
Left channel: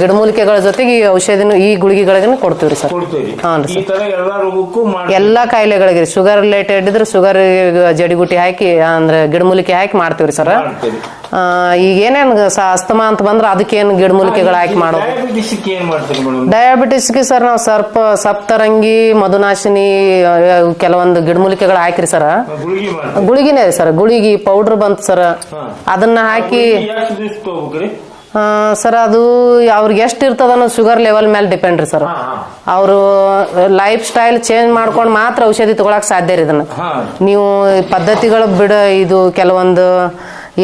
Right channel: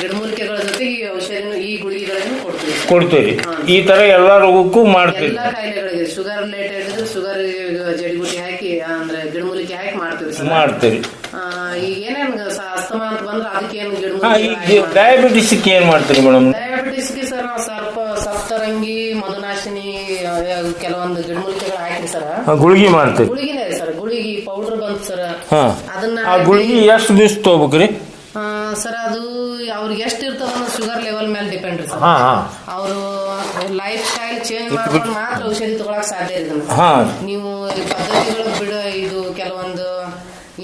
ಗಿಡಮೂಲಿಕೆಗಳ ಜೊತೆಗೆ ಈ ಔಷಧಿನ ಈ ಗುಳಿಗೆಗಳಿಗೂ ಕೊಡ್ತೀವ್ರಿ ಸರ್. ಕೊಡ್ತೀವಿ ಈ ತರ ಎಲ್ಲ ರೋಗಕ್ಕೂ ಎಲ್ಲಾ ಕಾಯಿಲೆಗಳಿಗೆ ಶುಗರ್ ರಿಲೇಟೆಡ್ ಇದ್ರೆ ಶುಗರ್ ಜಡಿಗುಟಿ ಹಾಕಿ ಅಂದ್ರೆ ಗಿಡಮೂಲಿಕೆ ಹಾಕಿ ಮಾಡ್ತೀವ್ರಿ ಸರ್ ಮಾಡ್ತೀವಿ ಈಗ ಏನೇನ್ ಅಸ್ತಮಾ ಅಂತ ಬಂದ್ರೆ ಅದಕ್ಕೇನು ಗಿಡಮೂಲಿಕೆಗಳು ಹಾಕಿ ಮಾಡೋದು? ಡಯಾಬಿಟಿಸ್ ಏನ್ ಮಾಡ್ತೀರಿ ಮೇಡಮ್? ಡಯಾಬಿಟಿಸ್ಗೆ ಸರ್ ನಾವು ಸರ್ಪ ಸಪ್ತರಂಗಿ ಮಧುನಾಶಿನಿ ಕೆಲವೊಂದು ಗಿಡಮೂಲಿಕೆಗಳು ಹಾಕಿರಿ ಸರ್ ಗುಳಿಗೆ ಮಾಡ್ತೀವಿ. ಗುಳಿಗಿನೇ ಸರ್ ಗುಳಿಗಿ ಪೌಡರ್ ಬಂತು ಸರ್ ಅದನ್ನ ಹಾಕಿ ಎಷ್ಟು ದಿವಸ ತಗೋಬೇಕ್ರಿ? ಸರ್ ಅದು ಅವ್ರಿಗೆ ಎಷ್ಟು ಇರ್ತದ ಅನ್ನೋದು ಶುಗರ್ ಲೆವೆಲ್ ಮೇಲೆ ಡಿಪೆಂಡ್ ರೀ ಸರ್. ಅವರು ಲೈಫ್ ಸ್ಟೈಲ್ ಚೇಂಜ್ ಮಾಡ್ಕೊಂಡು ಮಾತ್ರ ಔಷಧಿ ತಗೊಳಕ್ ಸಾಧ್ಯ ರೀ ಇದನ್ನ. ನೀವು ಪದ್ಧತಿಗಳು ಬಿಡ ಇದು ಕೆಲವೊಂದು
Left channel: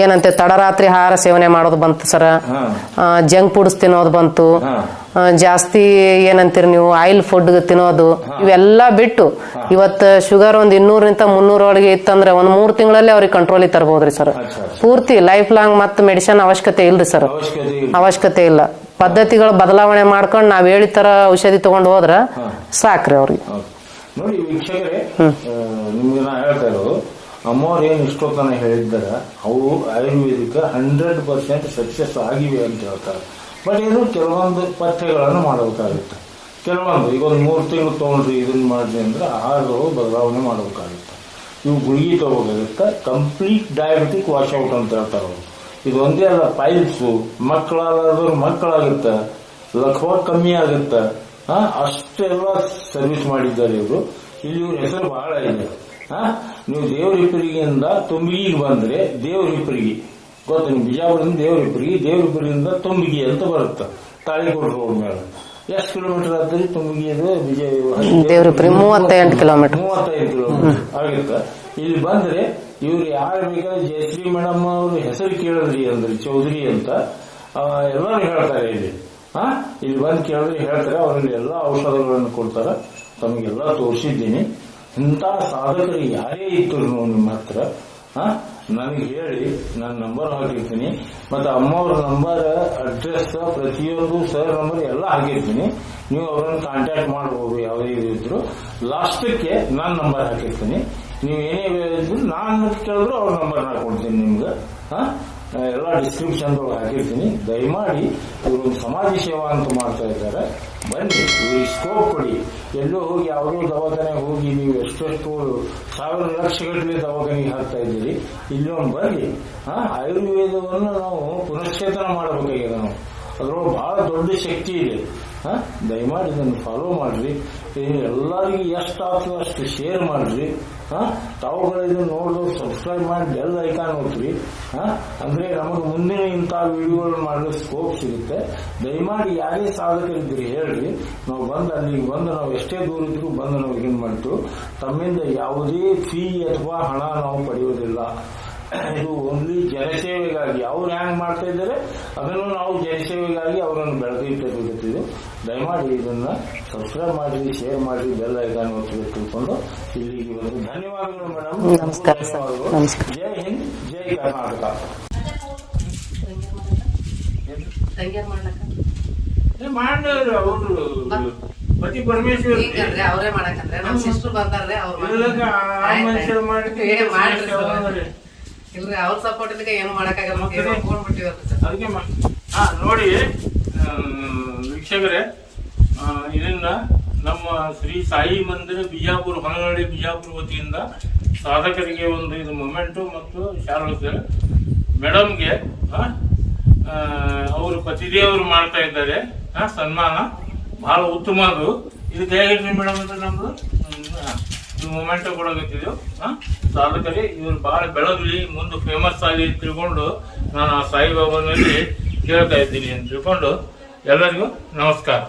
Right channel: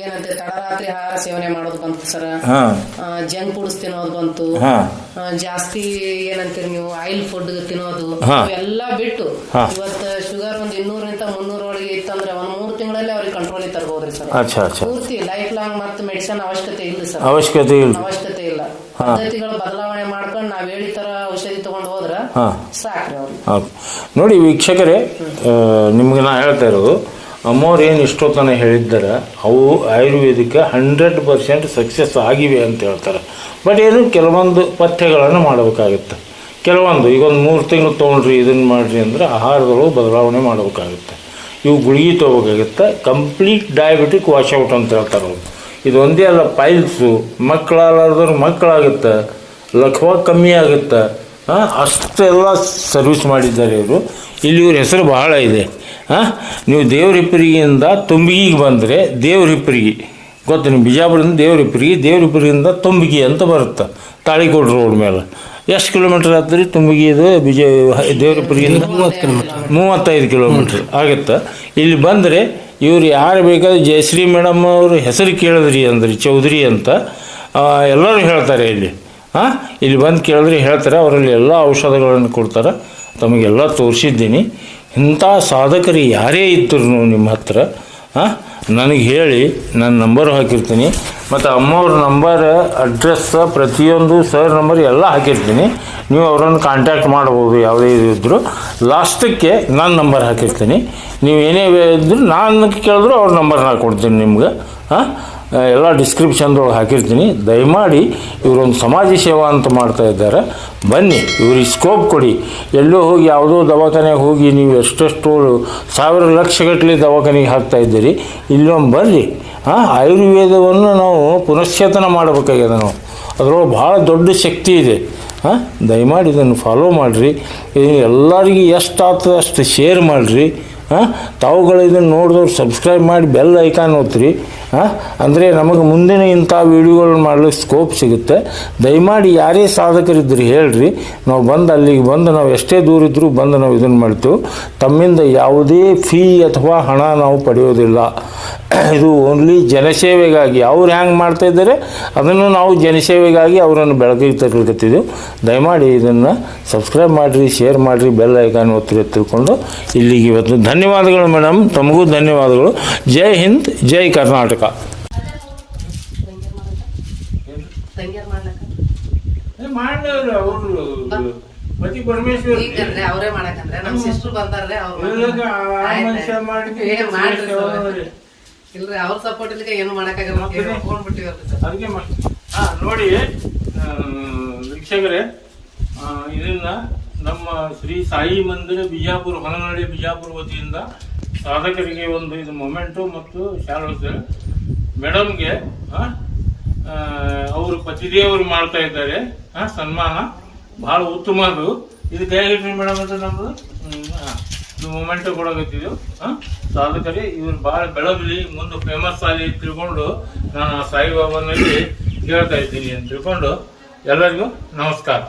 ಏನಂತೆ ತಡರಾತ್ರಿ ಆಹಾರ ಸೇವನೆ ಮಾಡೋದು ಬಂತು ಸರ್. ಜಂಕ್ ಫುಡ್ಸ್ ತಿನ್ನೋದು ಬಂತು. ಜಾಸ್ತಿ ಏನಂತೀರಿ ನೀವು ಆಯಿಲ್ ಫುಡ್ ತಿನ್ನೋದು. ಇವೆಲ್ಲ ಬಿಟ್ಟು. ಇವತ್ತು ಶುಗರ್ ಒಂದ್ ಇನ್ನೂರಿಂದ ಮುನ್ನೂರೊಳಗೆ ಇತ್ತಂದ್ರೆ ಒಂದ್ ಮೂರ್ ತಿಂಗಳಲ್ಲಿ ಅವ್ರಿಗೆ ಕಂಟ್ರೋಲ್ ತರಬಹುದ್ರಿ ಸರ್. ಪೂರ್ತಿ ಲೈಫ್ ಲಾಂಗ್ ಮತ್ತೆ ಮೆಡಿಸನ್ ಅವಶ್ಯಕತೆ ಇಲ್ರಿ ಸರ್. ಅವಶ್ಯಕತೆ ಇಲ್ಲ ಅವಶ್ಯಕತೆ ಇಲ್ಲ. ಪದ್ಧತಿಗಳು ಬದಲಾವಣೆ ಮಾಡ್ಕೊಂಡು ನಾವ್ ಹೇಳಿ ತರ ಔಷಧಿ ತಗೊಂಡು ಹೋದ್ರ. ಸಾಕ್ರಿ ಅವ್ರಿಗೆ. ನೋಡಿ ವೀಕ್ಷಕರೇ ನಿಮ್ಗೆ ನಾ ಹೇಳ್ತಾ ಇರೋದು ಅಮ್ಮವ್ರು ಏನು ಇಷ್ಟೊತ್ತನ ಹೇಳಿದ್ದಾರೆ, ಅವು ಆಯುರ್ವೇದಿಕ ಹಂಡ್ರೆಡ್ ಪರ್ಸೆಂಟ್ ಸಕ್ಸಸ್ ಆಗಿವೆ ಅಂತ ಹೇಳ್ತಾರೆ. ಬಟ್ ಏನು, ಕೆಲವೊಂದು ಪಥ್ಯಗಳನ್ನು ಮಾಡಬೇಕಾಗುತ್ತೆ. ಕೆಲವೊಂದು, ಈಗ ಒಂದು ಮೂರು ತಿಂಗಳು ತೊಗೊಂಡ್ರಿ ಇದನ್ನು ಮಾಡಿರಿ ಅಂದ್ರೆ ಆಹಾರದೊಳಗೆ ಬದಲಾವಣೆ ಮಾಡಬೇಕಾಗುತ್ತೆ. ಇವು ಗುಳಿಗೆ ತೊಗೋಬೇಕಾಗುತ್ತೆ ಕಂಪ್ಲೀಟ್ ಡಯಾಬಿಟಿಕ್ ವಾಶೌಟ್ ಅಂತ ಹೇಳ್ತಾರೆ ಅವರು. ಇದು ಒಂದೇ ಅಲ್ಲ ಪೈಲ್ಸು ಮಕ್ಕಳಾಗಲಾರ್ದವ್ರು ಮಕ್ಕಳಾಗುತ್ತೆ, ಲಖ್ವ ಕಮ್ಮಿ ಆಗುತ್ತೆ. ಅಷ್ಟೆಲ್ಲ ಸರ್ವಿಸ್ ಮಾಡಿದ್ದಾರೆ ಇವರು. ಇಲ್ಲಿ ಇವ್ರ ಹೆಸರು ಬಹಳ ಇದೆ. ನೀವು ದೇವರಿಪ್ಪರಿಗೆಯಿಂದ ತುಂಬಿಗಿಗೆ ಬಂದರೆ ದೇವರಿಪ್ಪರಿಗೆ ಗೊತ್ತು ನೀವು ಬಿಜಾಪುರದಿಂದ ದೇವರಿಪ್ಪರಿಗೆ ದೇವರಿಪ್ಪರಿಗಿಂದ ತುಂಬಿಗೆ ಅಂತ ಬರುತ್ತೆ ತಾಳಿಕೋಟೆ ರೋಡ್ ಮೇಲೆ. ಎಷ್ಟು ಕಿಲೋಮೀಟರ್ ಆಗ್ತದೆ ತುಂಬಿಗೆ ಇದು ಬಿಜ ದೇವರಿಪ್ಪರಿಗಿಂದ ಮೂವತ್ತೈದು ಕಿಲೋಮೀಟ್ರ್. ಆಗುತ್ತೆ. ಇಲ್ಲಿ ಬಂದರೆ ಇವರು ಯಾರು ಬೇಕಾದ್ರೆ ಜಯಶ್ರೀ ಮೇಡಮ್ ಅವರು ಹೆಸರು ಕೇಳಿದ್ರಿ ಅಂದ್ರೆ ಚೌಧರಿ ಅಂತ ಎಲ್ಲರೂ ಹೇಳ್ತಾರೆ ಇಲ್ಲಿ. ಹಾಂ? ಇಲ್ಲಿ ಬಂದು ಕೇಳಿದ್ರೆ ಹೇಳ್ತಾರೆ ಅವರಲ್ಲಿ ಎಲ್ಲ ಔಷಧಗಳನ್ನು ಕೊಡ್ತಾರೆ. ತಮಗೆಲ್ಲ ತೋರಿಸಿದ್ದೀನಿ. ಇಂಥ ಸಾಧಕರು ಯಾರೇ ಇದ್ದರು ನಿಮ್ಮ ಹತ್ರ ನನಗೆ ಹೇಳಿ ನನ್ನ ನಂಬರ್ ಹಾಕಿರ್ತೀನಿ. ಮತ್ತು ಅಮ್ಮವ್ರ ನಂಬರ್ ಅಡ್ರೆಸ್ ಪ್ರತಿಯೊಂದು ಸರ್ ನಂಬರ್ ಎಲ್ಲ ಹಾಕಿರ್ತೀನಿ. ನೀವು ಅವರನ್ನು ಕಾಂಟ್ಯಾಕ್ಟ್ ಮಾಡ್ಬೋದು, ಯಾವುದೇ ಇದ್ದರೂ ಲಾಸ್ಟಕ್ಕೆ ನಾನು ನಂಬರ್ ಹಾಕಿರ್ತೀನಿ. ನೀವು ಏನೇ ಇದ್ದರೂ ನಾನು ಕೇಳಿದ್ರು ಅವ್ರ ನಂಬರ್ ಕೊಡ್ತೀನಿ ನಿಮ್ಗೆ. ಎಲ್ಲ ಡಿಸ್ಕ್ರಿಪ್ಷನ್ದೊಳಗೆ ಹಾಕಿರ್ತೀನಿ. ದಯಮಾಡಿ ಇವರೊಂದು ಸಮಾಜ ಸೇವಾ ಅಂತ ಮಾಡ್ತಾ ಇದ್ದಾರೆ. ಬನ್ನಿ, ಇವ್ರಿಗೆ ಸ್ಕೋಪ್ ಕೊಡಿ. ಎಲ್ಲೋ ಹೋಗಿ ಯಾವುದೋ ದವಾಖಾನೆಗೆ ಹೋಗಿ ನೀವು ಎಷ್ಟೆಷ್ಟು ಸಾವಿರ ಲಕ್ಷಗಟ್ಟಲೆ ದವಾಖಾನೆಗೆ ಹಾಕ್ತಾ ಇದ್ದೀರಿ. ಇಲ್ಲೊಂದು ಬರ್ರಿ. ಹಾಂ? ಆಯುರ್ವೇದವನ್ನು ನಾವು ಪುನಶ್ಚೇತನ ಮಾಡಬೇಕಾಗಿದೆ ನಾವು. ಅದರೊಳಗೆ ಭಾಳ ದೊಡ್ಡ ಶಕ್ತಿ ಇದೆ. ಹಾಂ? ದಯಮಾಡಿ ಇದನ್ನು ಫಾಲೋ ಮಾಡಿರಿ. ಎಲ್ಲರಿಗೂ ಎಷ್ಟು ಆಗ್ತದೆ ಅಷ್ಟು ಶೇರ್ ಮಾಡಿರಿ. ಹಾಂ? ತಾವುಗಳು ಇದನ್ನು ನೋಡಿದವ್ರು ಸಬ್ಸ್ಕ್ರೈಬ್ ಮಾಡಿ ಬೆಲ್ ಐಕಾನ್ ಓದ್ರಿ ಹಾಂ? ಅಂದರೆ ನಮಗೆ ಮುಂದಿನ ಇಂಥ ವೀಡಿಯೋಗಳನ್ನ ಮಾಡಲಿಕ್ಕೆ ಸ್ಕೋಪ್ ಸಿಗುತ್ತೆ. ದಯಮಾಡಿ ಯಾರೇ ಸಾಧಕರಿದ್ದರು ಹೇಳ್ರಿ. ನಾವು ಬಂದು ಅಲ್ಲಿಗೆ ಬಂದು ನಾವು ಎಷ್ಟೇ ದೂರ ಇದ್ದರೂ ಬಂದು ನಾವು ಇದನ್ನು ಮಾಡ್ತೀವಿ. ತಮ್ಮಿಂದ ಯಾವುದೇ ಫೀ ಅಥವಾ ಹಣ ನಾವು ಪಡೆಯೋದಿಲ್ಲ. ಇದು ಓನ್ಲಿ ಜನಸೇವೆಗಾಗಿ ಅವ್ರು ಹ್ಯಾಂಗೆ ಮಾಡ್ತಾ ಇದ್ದಾರೆ ಅದನ್ನು ನಾವು ಜನಸೇವೆಗಾಗಿ ಅವರನ್ನು ಬೆಳಕಿಗೆ ತರಲಿಕತ್ತಿದ್ದೆವು ದಯಮಾಡಿ ಇದನ್ನು ಸಬ್ಸ್ಕ್ರೈಬ್ ಮಾಡಿರಿ ಶೇರ್ ಮಾಡಿರಿ ಬೆಲ್ ಐಕಾನ್ ಒತ್ತಿಗೆ ತಿಳ್ಕೊಂಡು ಇಲ್ಲಿಗೆ ಇವತ್ತು ಧನ್ಯವಾದಗಳು ಮೇಡಮ್ ತಮಗೂ ಧನ್ಯವಾದಗಳು. ಜೈ ಹಿಂದ್ ಜೈ ಕರ್ನಾಟಕ. ಪತಿ ಪರಮೇಶ್ವರ್. ಅವರೇ ಮಾಡಕಂದ್ರೆ ನಮ್ಮ ಸಿಸ್ಟರ್ ಬರ್ತಾರೆ ಅವ್ರು ಮಾಡಿದ್ದು ಇಲ್ರಿ ಅವ್ರ ಸಪೋರ್ಟ್ ಇಲ್ಲಿಗೆ ಏನು ಮಾಡಕ್ಕಾಗಲ್ಲ? ಹೋಗ್ಬಿಟ್ಟಿವ್ರಿ ಅದಕ್ಕೆ ಹಾ ನೋಡಿ ವೀಕ್ಷಕರೇ ಇದನ್ನ ನಮ್ಮ ಶ್ರೀ ಸಾಯಿ ಮಂದಿರ ಬಿಜಾಪುರ ಹೊನಗಡೆ ಬಿಜಾಪುರ ವತಿಯಿಂದ ಸಾಧಕರಿಗೆ ಒಂದು ಇದು ಮೊಮೆಂಟು ಮತ್ತು ಶಾಲ್ವಸ್ ಮೇಡಮ್ಗೆ ಅವರು ಪತಿದೇವರು ಮಾಡ್ತಾ ಇದ್ದಾರೆ. ಸನ್ಮಾನ ಬಹಳ ಉತ್ತಮ ಅದು ಇದು ದಯವಿಟ್ಟು ಮೇಡಮ್ ಅದು ಆ, ಇದು ಮೊಮೆಂಟ್ ಸಾಧಕರೇ ಇವ್ರು ಬಹಳ ಬೆಳಗಲಿ ಮುಂದೆ ಫೇಮಸ್ ಆಗಿ ತಿಳ್ಕೊಂಡು ನಾನು ಆ ಸಾಯಿಬಾಬಾನಲ್ಲಿ ಕೇಳ್ತಾ ಇದ್ದೀನಿ ಅಂತ ತಿಳ್ಕೊಂಡು ಎಲ್ಲರಿಗೂ ನಮಸ್ಕಾರ.